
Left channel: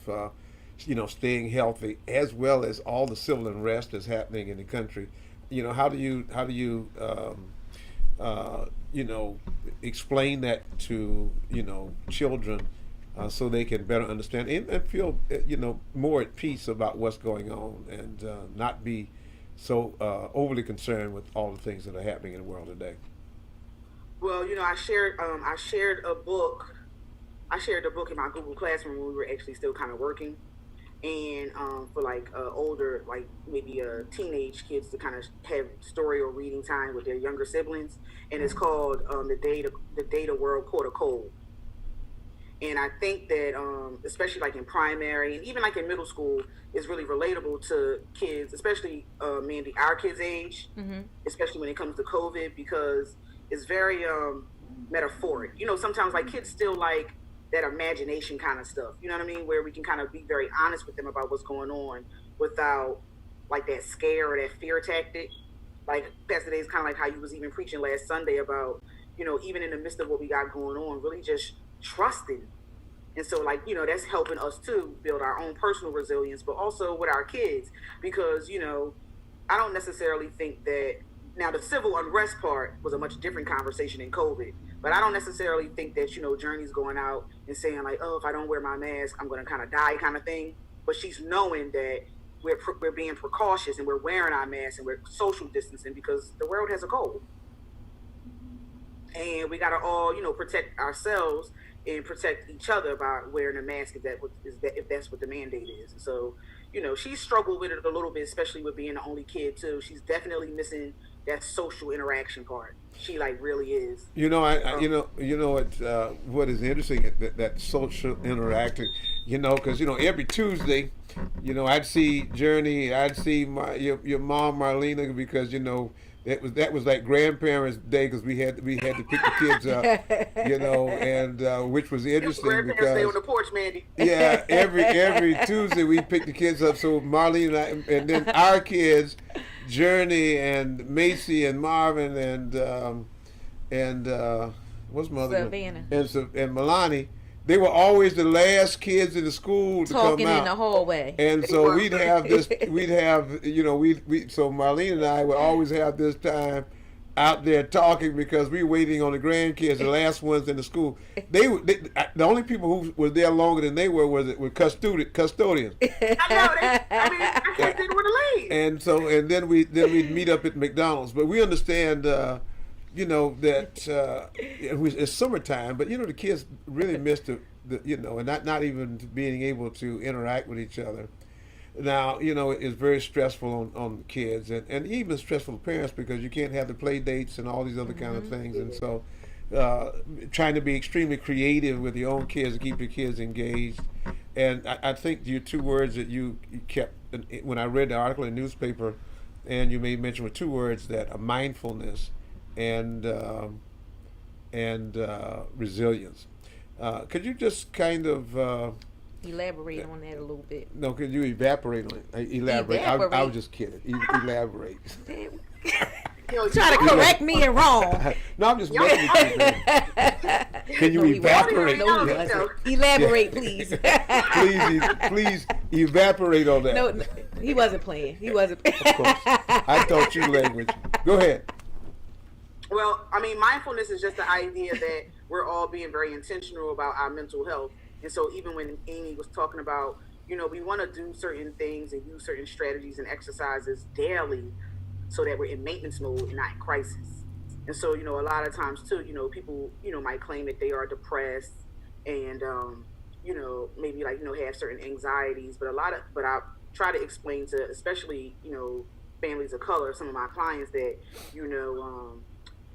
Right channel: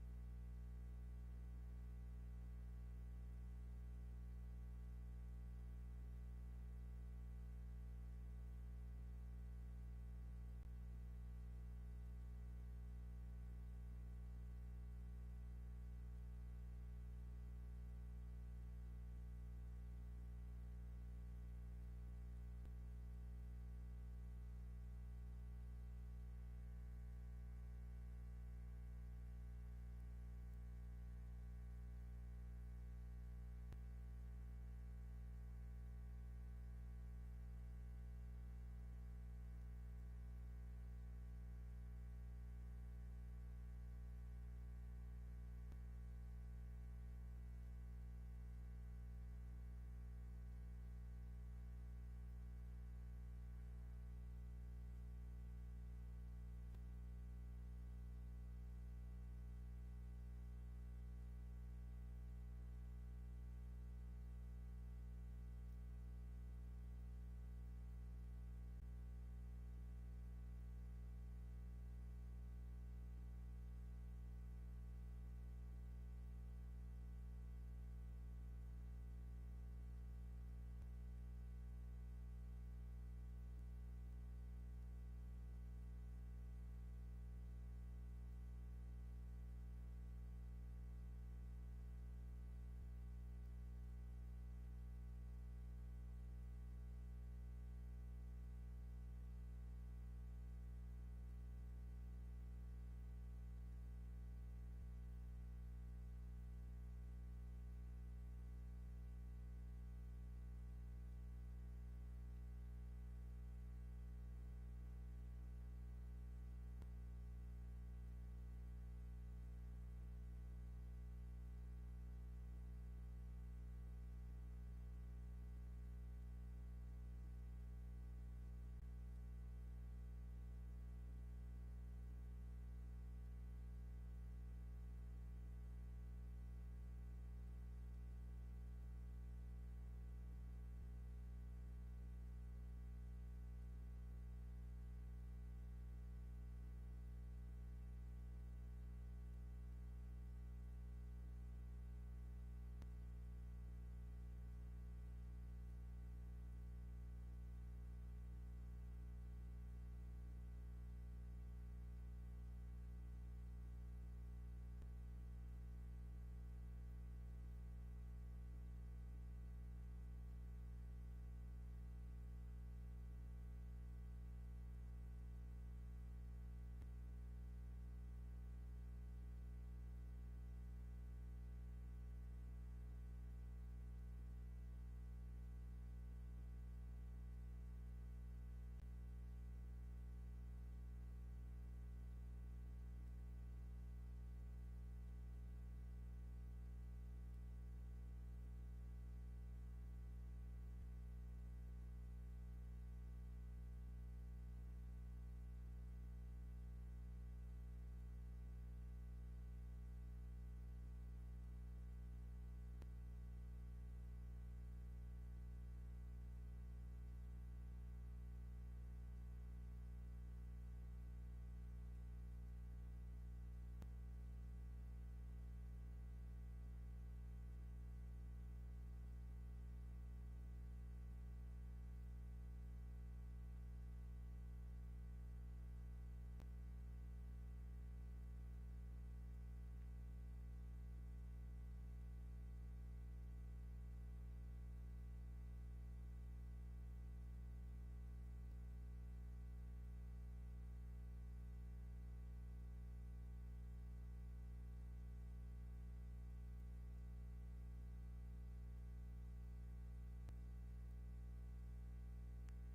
staying healthy, as well as all the civil unrest that's happening in the country? How do you you know, explain that to, you know, children, so they can better understand and feel, you know, more at peace about what's going on, and not be so overly concerned with all the things that are happening in the world today. Well, you know, I shared the book in my Google Classroom when we were actually still kind of working, and for like older, like maybe teenage kids to kind of have story or reading time with their younger siblings, and it's called the Data World Caught a Cold. And I think that especially like in primary and even like in middle school is really relatable to kids, especially Mandy, our kids' age, especially when it comes to COVID, because it's very metaphoric. You know, sometimes like kids still like that imagination kind of stuff. You know what I mean? Where we can kind of be very honest with them about what's going on without like that scare or that fear tactic. Like Pastor Day is kind of like how you was even preaching last Sunday about, you know, even in the midst of what we got going on, really just trusting. And so, like, you know, that's helping us too build our own personal resilience, but also with our kids, because, you know, I don't necessarily think that now the civil unrest part was a much different conversation in COVID, but I don't necessarily think that, you know, Journey's going out and saying like, oh, if I don't wear my mask, I'm going to kind of die kind of thing. But she's knowing that we're being precautious and we're wearing our masks and we're social distancing because the world has a cold. And we got to all, you know, protect ourselves and protect each other by wearing a mask if that's what the mandate is. And so, you know, she struggled with it a little bit, especially with being the only kid too. She's definitely missing that social interaction part. She like really is. You know, you know what is interesting, that social interacting. You know, because you know every Tuesday, you know, I'd see Journey, I'd see your mom Marlena, because you know that was like grandparents' day, because we had to pick the kids up, you know, and which was interesting grandparents because stay on the porch, Mandy. Yeah, every Tuesday we pick the kids up. So Marlene and then our kids, Journey and Macy and Marvin and what's my other Savannah. one? And Milani. They were always the last kids in the school to talking come out in the hallway. and so we'd have you know, so Marlene and I would always have this time out there talking, because we were waiting on the grandkids, the last ones in the school. The only people who were there longer than they were custodians. I know. I can't think where to leave. And then we'd meet up at McDonald's. But we understand, you know, that it's summertime, but you know the kids really miss the you know, and not even being able to interact with each other. Now, you know, it's very stressful on the kids, and even stressful to parents, because you can't have the play dates and all these other kind of things. And so trying to be extremely creative with your own kids to keep your kids engaged. And I think your two words that you kept when I read the article in the newspaper, and you made mention with two words, that are mindfulness and resilience. Could you just kind of Elaborate on that a little bit. no, could you evaporate on it? Elaborate. I was just kidding. Elaborate. Try to correct me and wrong. No, I'm just messing with you, man. Can you evaporate? No, elaborate, please. Please evaporate on that. No, he wasn't playing. He wasn't. Of course. I taught you language. Go ahead. Well, I mean, mindfulness is just the idea that we're all being very intentional about our mental health. And so even when Amy was talking about, you know, we want to do certain things and use certain strategies and exercises daily so that we're in maintenance mode and not in crisis. And so, you know, a lot of times too, you know, people, you know, might claim that they are depressed and, you know, maybe like, you know, have certain anxieties, but I try to explain to, especially, you know, families of color, some of my clients, that, you know,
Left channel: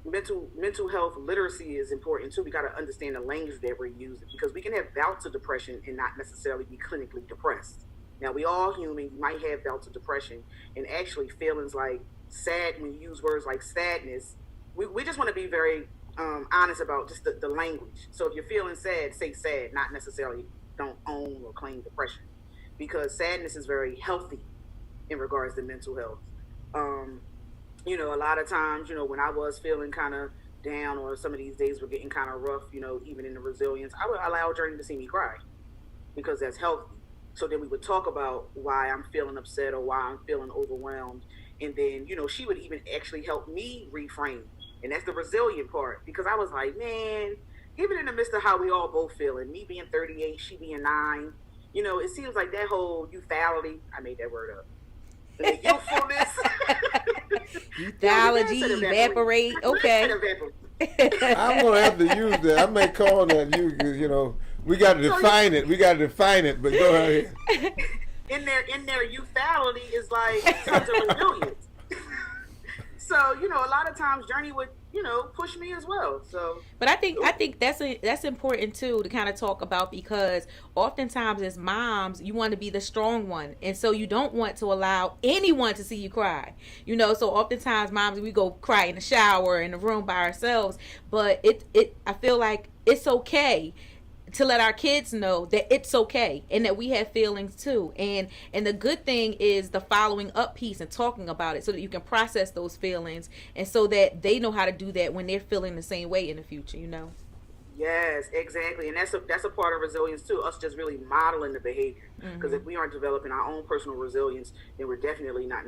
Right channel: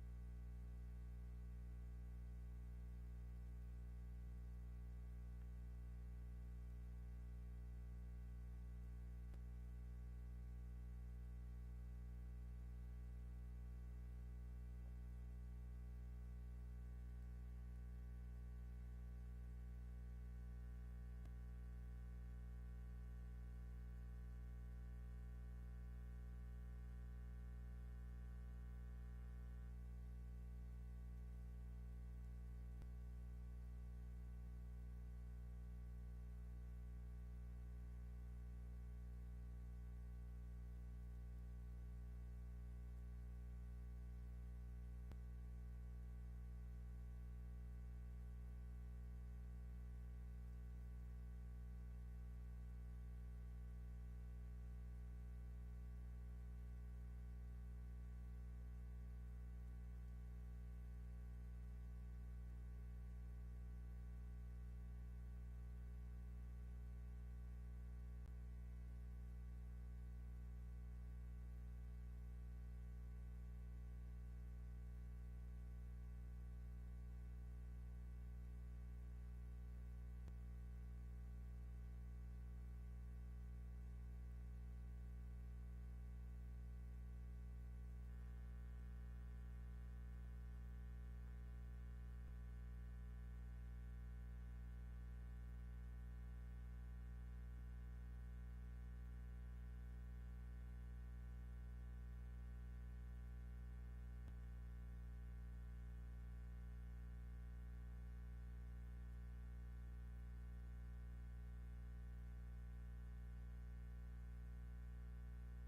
mental health literacy is important too. We got to understand the language that we're using, because we can have bouts of depression and not necessarily be clinically depressed. Now, we all human. You might have bouts of depression, and actually feelings like sad. When you use words like sadness, we just want to be very honest about just the language. So if you're feeling sad, say sad, not necessarily don't own or claim depression, because sadness is very healthy in regards to mental health. You know, a lot of times, you know, when I was feeling kind of down, or some of these days were getting kind of rough, you know, even in the resilience, I would allow Journey to see me cry, because that's healthy. So then we would talk about why I'm feeling upset or why I'm feeling overwhelmed. And then, you know, she would even actually help me reframe. And that's the resilient part, because I was like, man, even in the midst of how we all both feeling, me being 38, she being 9, you know, it seems like that whole youthfality, I made that word up. The youthfulness. Youthology, evaporate. Okay. I'm gonna have to use that. I may call that you know. We got to define it. We got to define it. But go ahead. In their youthfality is like tons of resilience. So, you know, a lot of times Journey would, you know, push me as well. So, but I think that's important too to kind of talk about, because oftentimes as moms, you want to be the strong one, and so you don't want to allow anyone to see you cry. You know, so oftentimes moms, we go cry in the shower in the room by ourselves. But I feel like it's okay to let our kids know that it's okay and that we have feelings too. And the good thing is the following up piece and talking about it so that you can process those feelings, and so that they know how to do that when they're feeling the same way in the future, you know? Yes, exactly. And that's a part of resilience too, us just really modeling the behavior. Because if we aren't developing our own personal resilience, then we're definitely not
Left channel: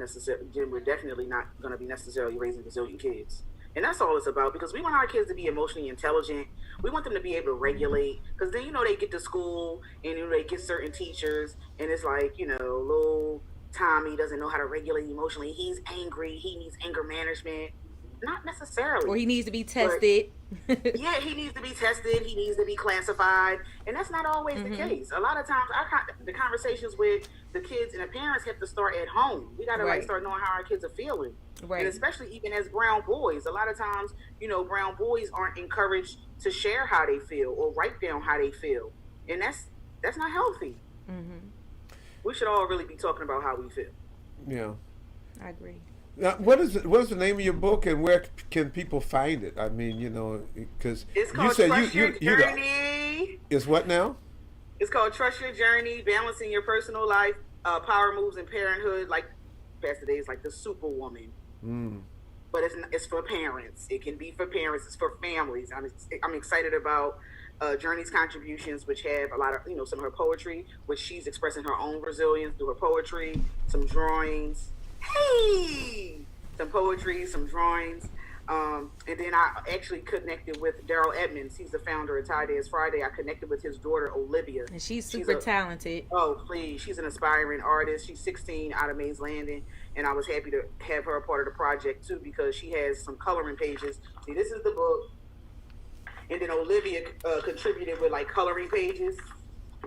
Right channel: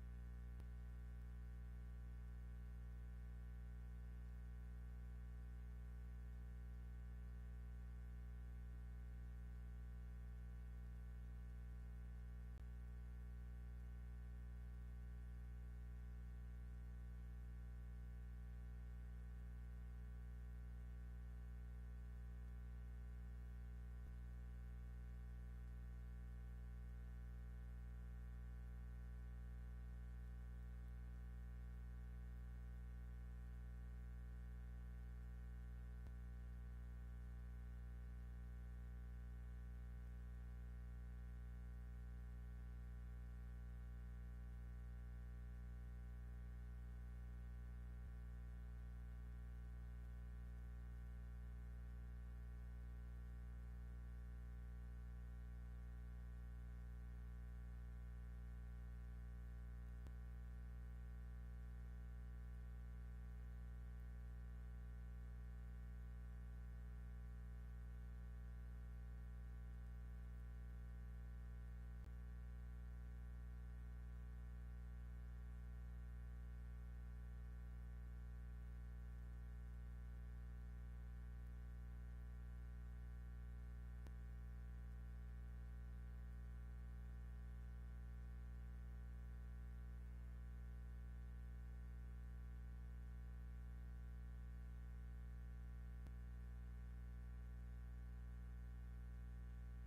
going to be necessarily raising resilient kids. And that's all it's about, because we want our kids to be emotionally intelligent. We want them to be able to regulate, because then, you know, they get to school and, you know, they get certain teachers, and it's like, you know, little Tommy doesn't know how to regulate emotionally. He's angry. He needs anger management. Not necessarily. Or he needs to be tested. Yeah, he needs to be tested. He needs to be classified. And that's not always the case. A lot of times, the conversations with the kids and the parents have to start at home. We got to like start knowing how our kids are feeling. Right. And especially even as brown boys, a lot of times, you know, brown boys aren't encouraged to share how they feel or write down how they feel. And that's not healthy. We should all really be talking about how we feel. Yeah. I agree. Now, what is the name of your book, and where can people find it? I mean, you know, because you said you Journey. It's what now? It's called Trust Your Journey: Balancing Your Personal Life, Power Moves, and Parenthood. Like Pastor Day is like the Superwoman. But it's for parents. It can be for parents. It's for families. I'm excited about Journey's contributions, which have a lot of, you know, some of her poetry, which she's expressing her own resilience through her poetry, some drawings. Some poetry, some drawings. And then I actually connected with Daryl Edmonds. He's the founder of Tie Days Friday. I connected with his daughter, Olivia. And she's super talented. Oh, please. She's an aspiring artist. She's 16, out of Mays Landing. And I was happy to have her a part of the project, too, because she has some coloring pages. See, this is the book. And then Olivia contributed with, like, coloring pages.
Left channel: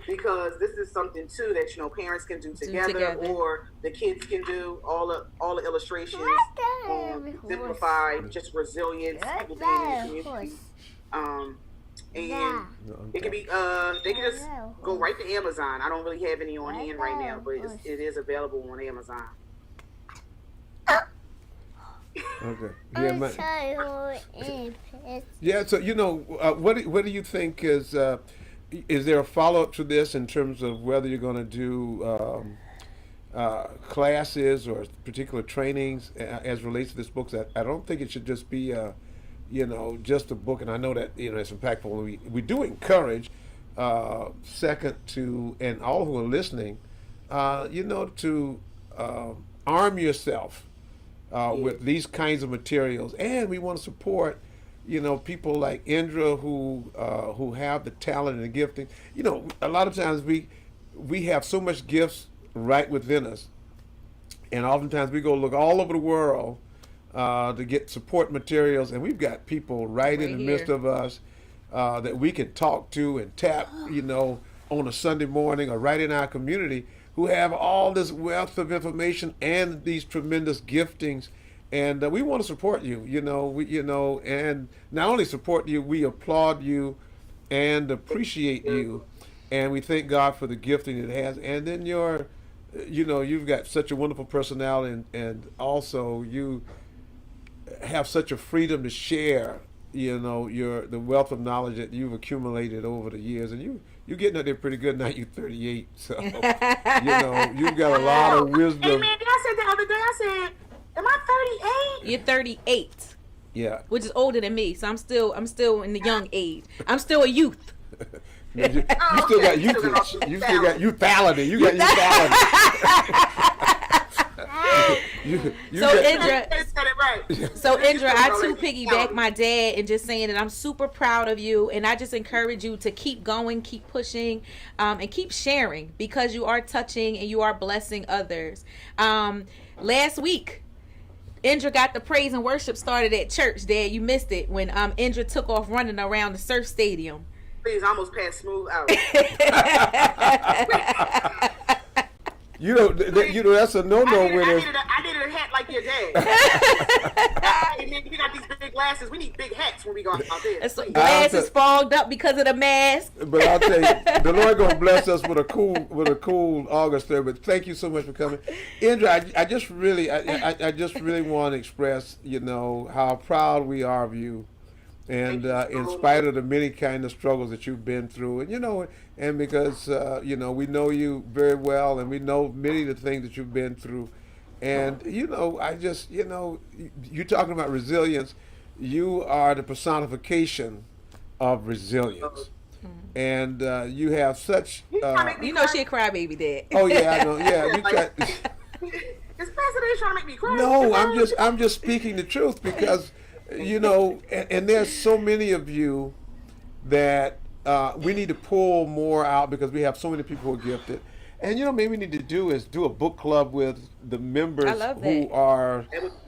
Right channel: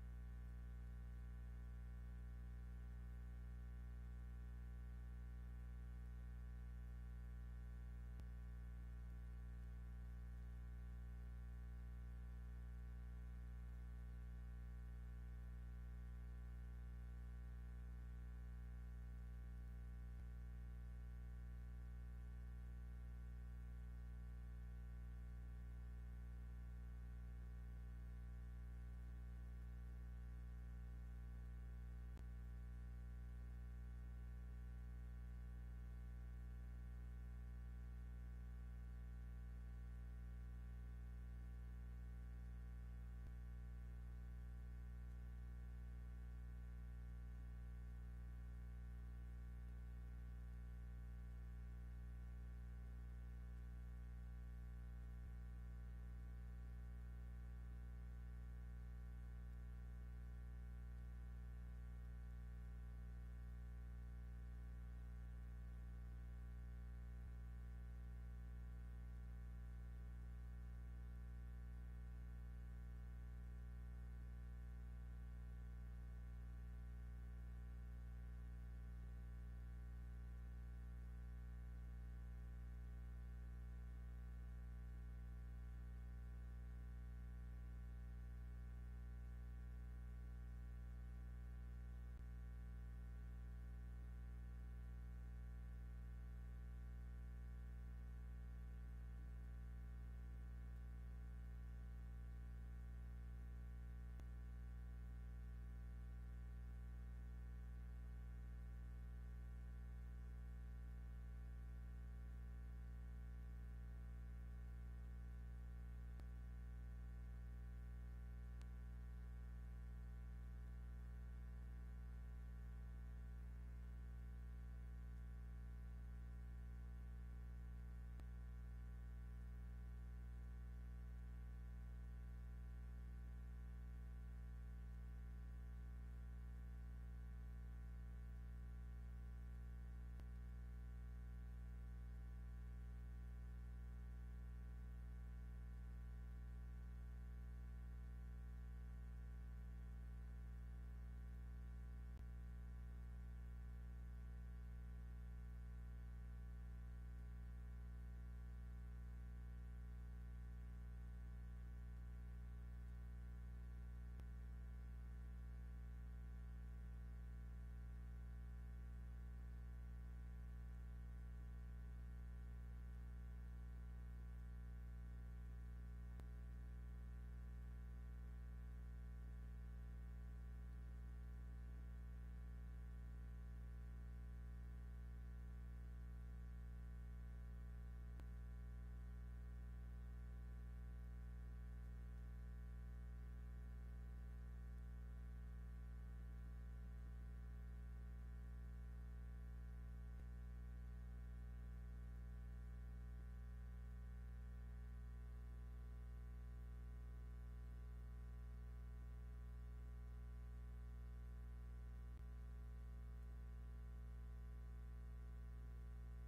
Because this is something too that, you know, parents can do together, or the kids can do. All the illustrations simplify just resilience, people being in the community. And it can be they can just go right to Amazon. I don't really have any on hand right now, but it is available on Amazon. Okay. Yeah. So, you know, what do you think is there a follow-up to this in terms of whether you're going to do classes or particular trainings as relates to this book? I don't think it should just be, you know, just a book. And I know that, you know, it's impactful. We do encourage, second to, and all who are listening, you know, to arm yourself with these kinds of materials. And we want to support, you know, people like Indra who have the talent and the gifting. You know, a lot of times we have so much gifts right within us, and oftentimes we go look all over the world to get support materials, and we've got people right in the midst of us that we can talk to and tap, you know, on a Sunday morning or right in our community, who have all this wealth of information and these tremendous giftings. And we want to support you, you know, and not only support you, we applaud you and appreciate you. And we thank God for the gifting it has. And then you've got such a wonderful personality, and also you have such a freedom to share, you know, the wealth of knowledge that you've accumulated over the years. And you're getting up there pretty good now. You're 38, so, you know, you've got a lot of wisdom. Hey, man, I said the other day, I said, am I 38? You're 38. Yeah. Which is older than me, so I'm still in the young age. I'm still a youth. You still got youth. You still got youthfality. You got youthfality. So Indra, right. So Indra, I too piggyback my dad and just saying that I'm super proud of you, and I just encourage you to keep going, keep pushing, and keep sharing, because you are touching and you are blessing others. Last week, Indra got the praise and worship started at church. Dad, you missed it when Indra took off running around the surf stadium. Please, I almost passed smooth out. You know, that's a no-no with us. I needed a hat like your dad. Hey, man, we got these big glasses. We need big hats when we go out there. So glasses fogged up because of the mask. But I'll tell you, the Lord gonna bless us with a cool August there. But thank you so much for coming, Indra. I just really want to express, how proud we are of you. And in spite of the many kind of struggles that you've been through, and because we know you very well, and we know many of the things that you've been through, and I just you're talking about resilience. You are the personification of resilience, and you have such. She a crybaby, Dad. Oh yeah, I know. Yeah, we got. Is Pasadena trying to make me cry? No, I'm just speaking the truth, because. And there's so many of you that we need to pull more out, because we have so many people who are gifted. And maybe we need to do a book club with the members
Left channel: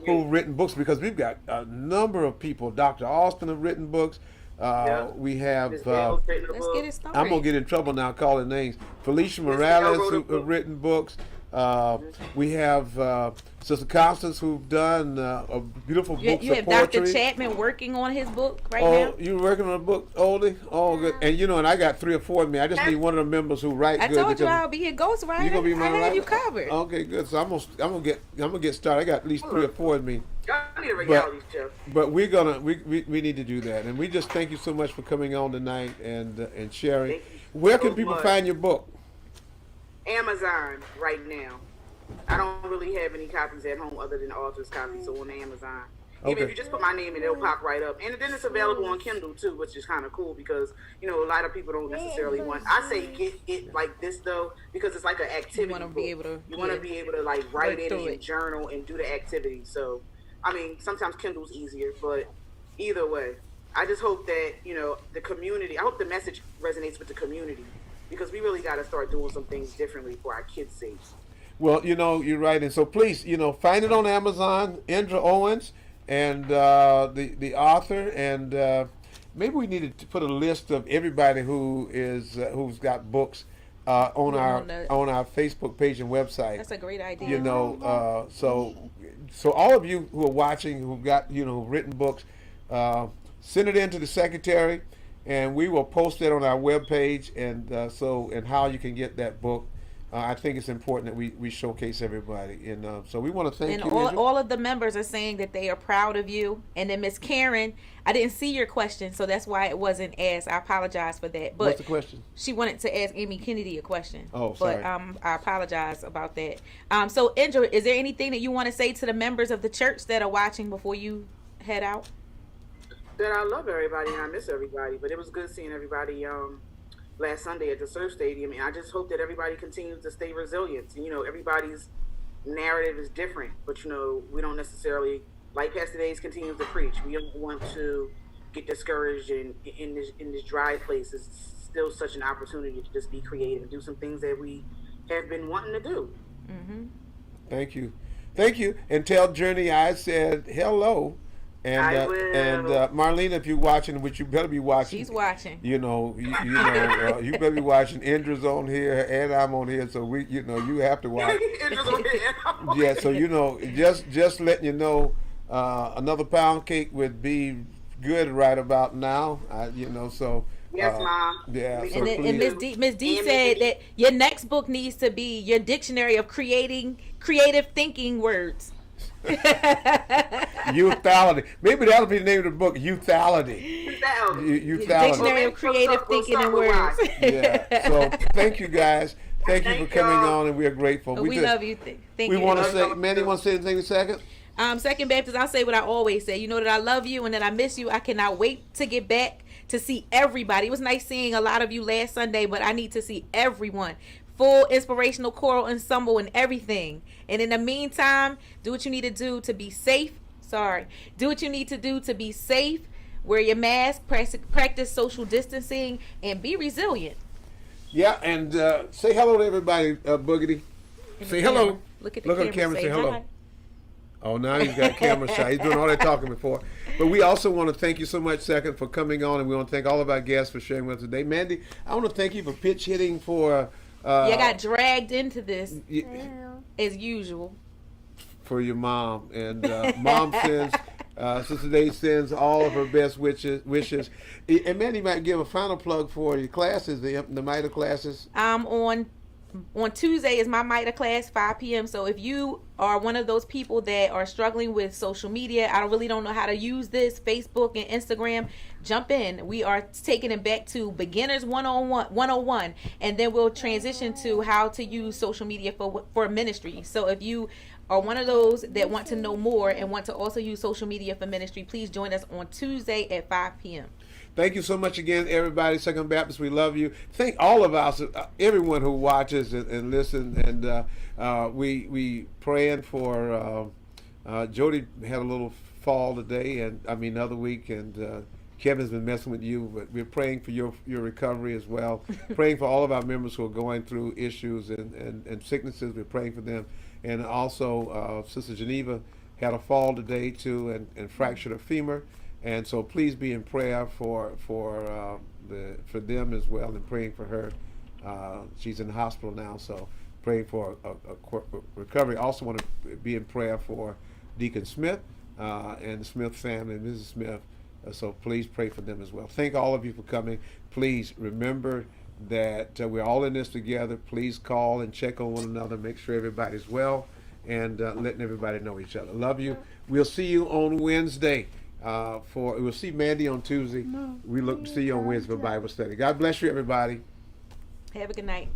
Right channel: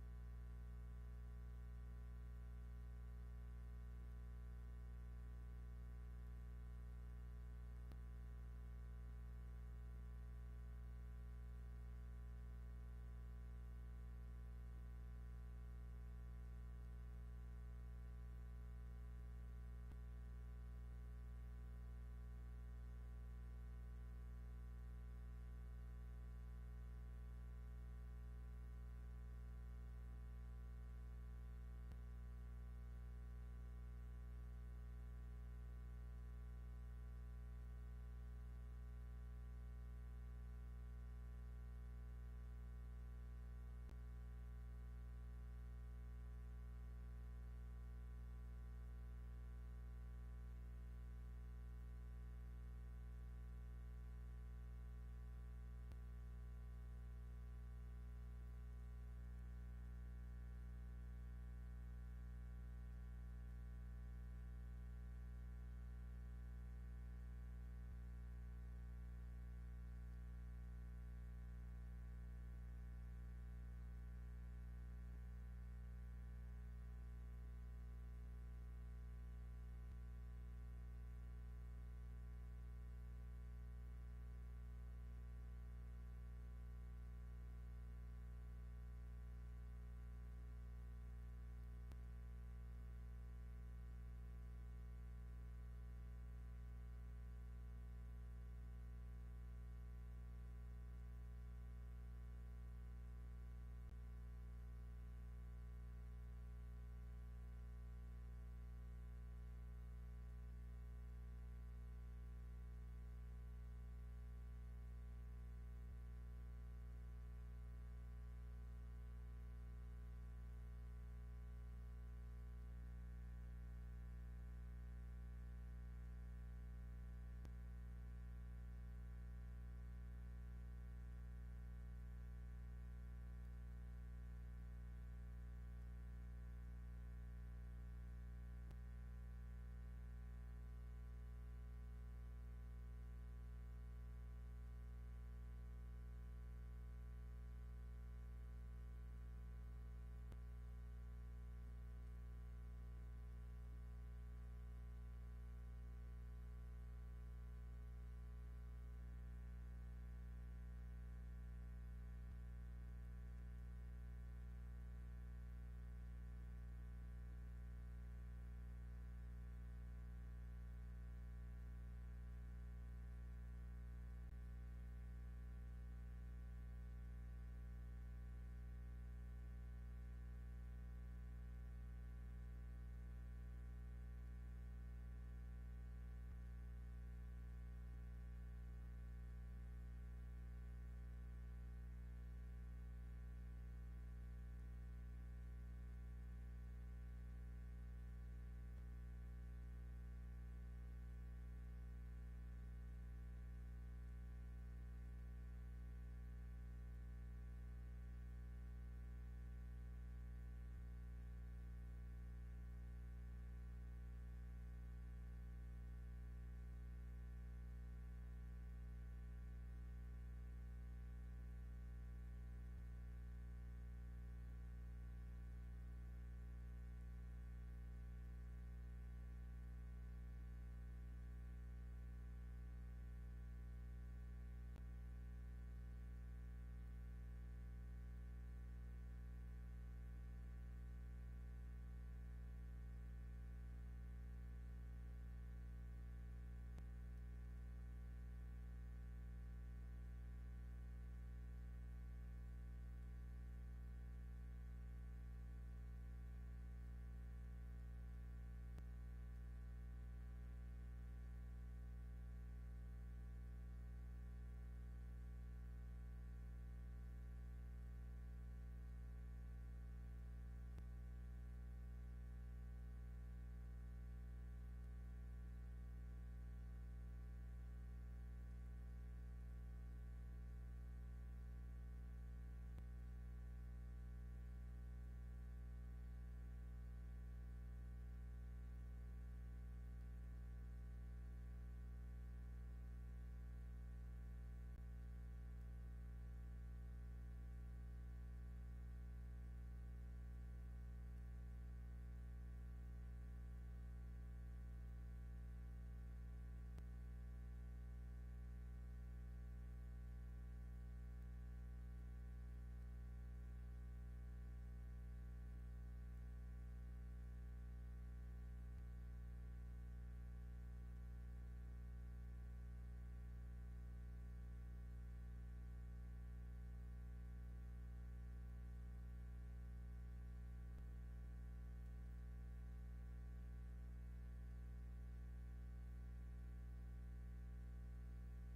who've written books, because we've got a number of people. Dr. Austin have written books. We have. Let's get it started. I'm gonna get in trouble now calling names. Felicia Morales who have written books. We have Sister Constance, who've done a beautiful book of poetry. You have Dr. Chapman working on his book now? Oh, you working on a book, Oldie? Oh, good. And and I got 3 or 4 of me. I just need one of the members who write good. I told you I'll be your ghostwriter. You gonna be my writer? You covered. Okay, good. So I'm gonna get started. I got at least 3 or 4 of me. I need a reality show. But we need to do that, and we just thank you so much for coming on tonight and sharing. Where can people find your book? Amazon right now. I don't really have any copies at home other than the author's copy, so on Amazon. Even if you just put my name in, it'll pop right up. And then it's available on Kindle too, which is kind of cool, because a lot of people don't necessarily want. I say get it like this though, because it's like an activity. You want to be able to like write it and journal and do the activity. So, I mean, sometimes Kindle's easier, but either way, I just hope that the community. I hope the message resonates with the community, because we really got to start doing some things differently for our kids' sake. Well, you're right, and so please, find it on Amazon, Indra Owens, and the author, and maybe we needed to put a list of everybody who's got books on our Facebook page and website. That's a great idea. So all of you who are watching, who've got written books, send it in to the secretary, and we will post it on our webpage, and how you can get that book. I think it's important that we showcase everybody, and so we want to thank you. And all of the members are saying that they are proud of you. And then Miss Karen, I didn't see your question, so that's why it wasn't asked. I apologize for that. But what's the question? She wanted to ask Amy Kennedy a question. Oh, sorry. But I apologize about that. So Indra, is there anything that you want to say to the members of the church that are watching before you head out? That I love everybody and I miss everybody, but it was good seeing everybody last Sunday at the surf stadium, and I just hope that everybody continues to stay resilient. And, everybody's narrative is different, but we don't necessarily, like Pastor Days continues to preach, we don't want to get discouraged in this dry place. It's still such an opportunity to just be creative and do some things that we have been wanting to do. Mm-hmm. Thank you, and tell Journey I said hello. And Marlena, if you're watching, which you better be watching. She's watching. You better be watching. Indra's on here, and I'm on here, so you have to watch. Indra's on here. Yeah, so just letting you know, another pound cake would be good right about now. So. Yes, Mom. Yeah. So and Miss D said that your next book needs to be your dictionary of creative thinking words. Youthality. Maybe that'll be the name of the book. Youthality. Dictionary of creative thinking and words. Yeah. So thank you guys. Thank you for coming on, and we are grateful. We love you. Thank you. We want to say, Manny, want to say anything in a second? Second Baptist, I'll say what I always say. You know that I love you and that I miss you. I cannot wait to get back to see everybody. It was nice seeing a lot of you last Sunday, but I need to see everyone. Full inspirational choral ensemble and everything. And in the meantime, do what you need to do to be safe, Sorry. Do what you need to do to be safe. Wear your mask. Practice social distancing, and be resilient. Yeah, and say hello to everybody, Boogity. Say hello. Look at the Look camera. at the camera. Say Say hello. hi. Oh, now he's got camera shy. He's doing all that talking before. But we also want to thank you so much, Second, for coming on, and we want to thank all of our guests for sharing with us today. Mandy, I want to thank you for pitch hitting for. I got dragged into this as usual. For your mom, and Mom sends. Sister Day sends all of her best wishes. And Mandy might give a final plug for your classes, the MITA classes. On Tuesday is my MITA class, 5 p.m. So if you are one of those people that are struggling with social media, I really don't know how to use this, Facebook and Instagram, jump in. We are taking it back to beginners 101, and then we'll transition to how to use social media for ministry. So if you are one of those that want to know more and want to also use social media for ministry, please join us on Tuesday at 5 p.m. Thank you so much again, everybody. Second Baptist, we love you. Thank all of us, everyone who watches and listens. And we praying for Jody had a little fall today, and I mean other week, and Kevin's been messing with you, but we're praying for your recovery as well. Praying for all of our members who are going through issues and sicknesses. We're praying for them. And also, Sister Geneva had a fall today too, and fractured her femur. And so please be in prayer for them as well, and praying for her. She's in the hospital now, so praying for a recovery. Also want to be in prayer for Deacon Smith and the Smith family and Mrs. Smith. So please pray for them as well. Thank all of you for coming. Please remember that we're all in this together. Please call and check on one another, make sure everybody's well, and letting everybody know each other. Love you. We'll see you on Wednesday. We'll see Mandy on Tuesday. We look to see you on Wednesday for Bible study. God bless you, everybody. Have a good night.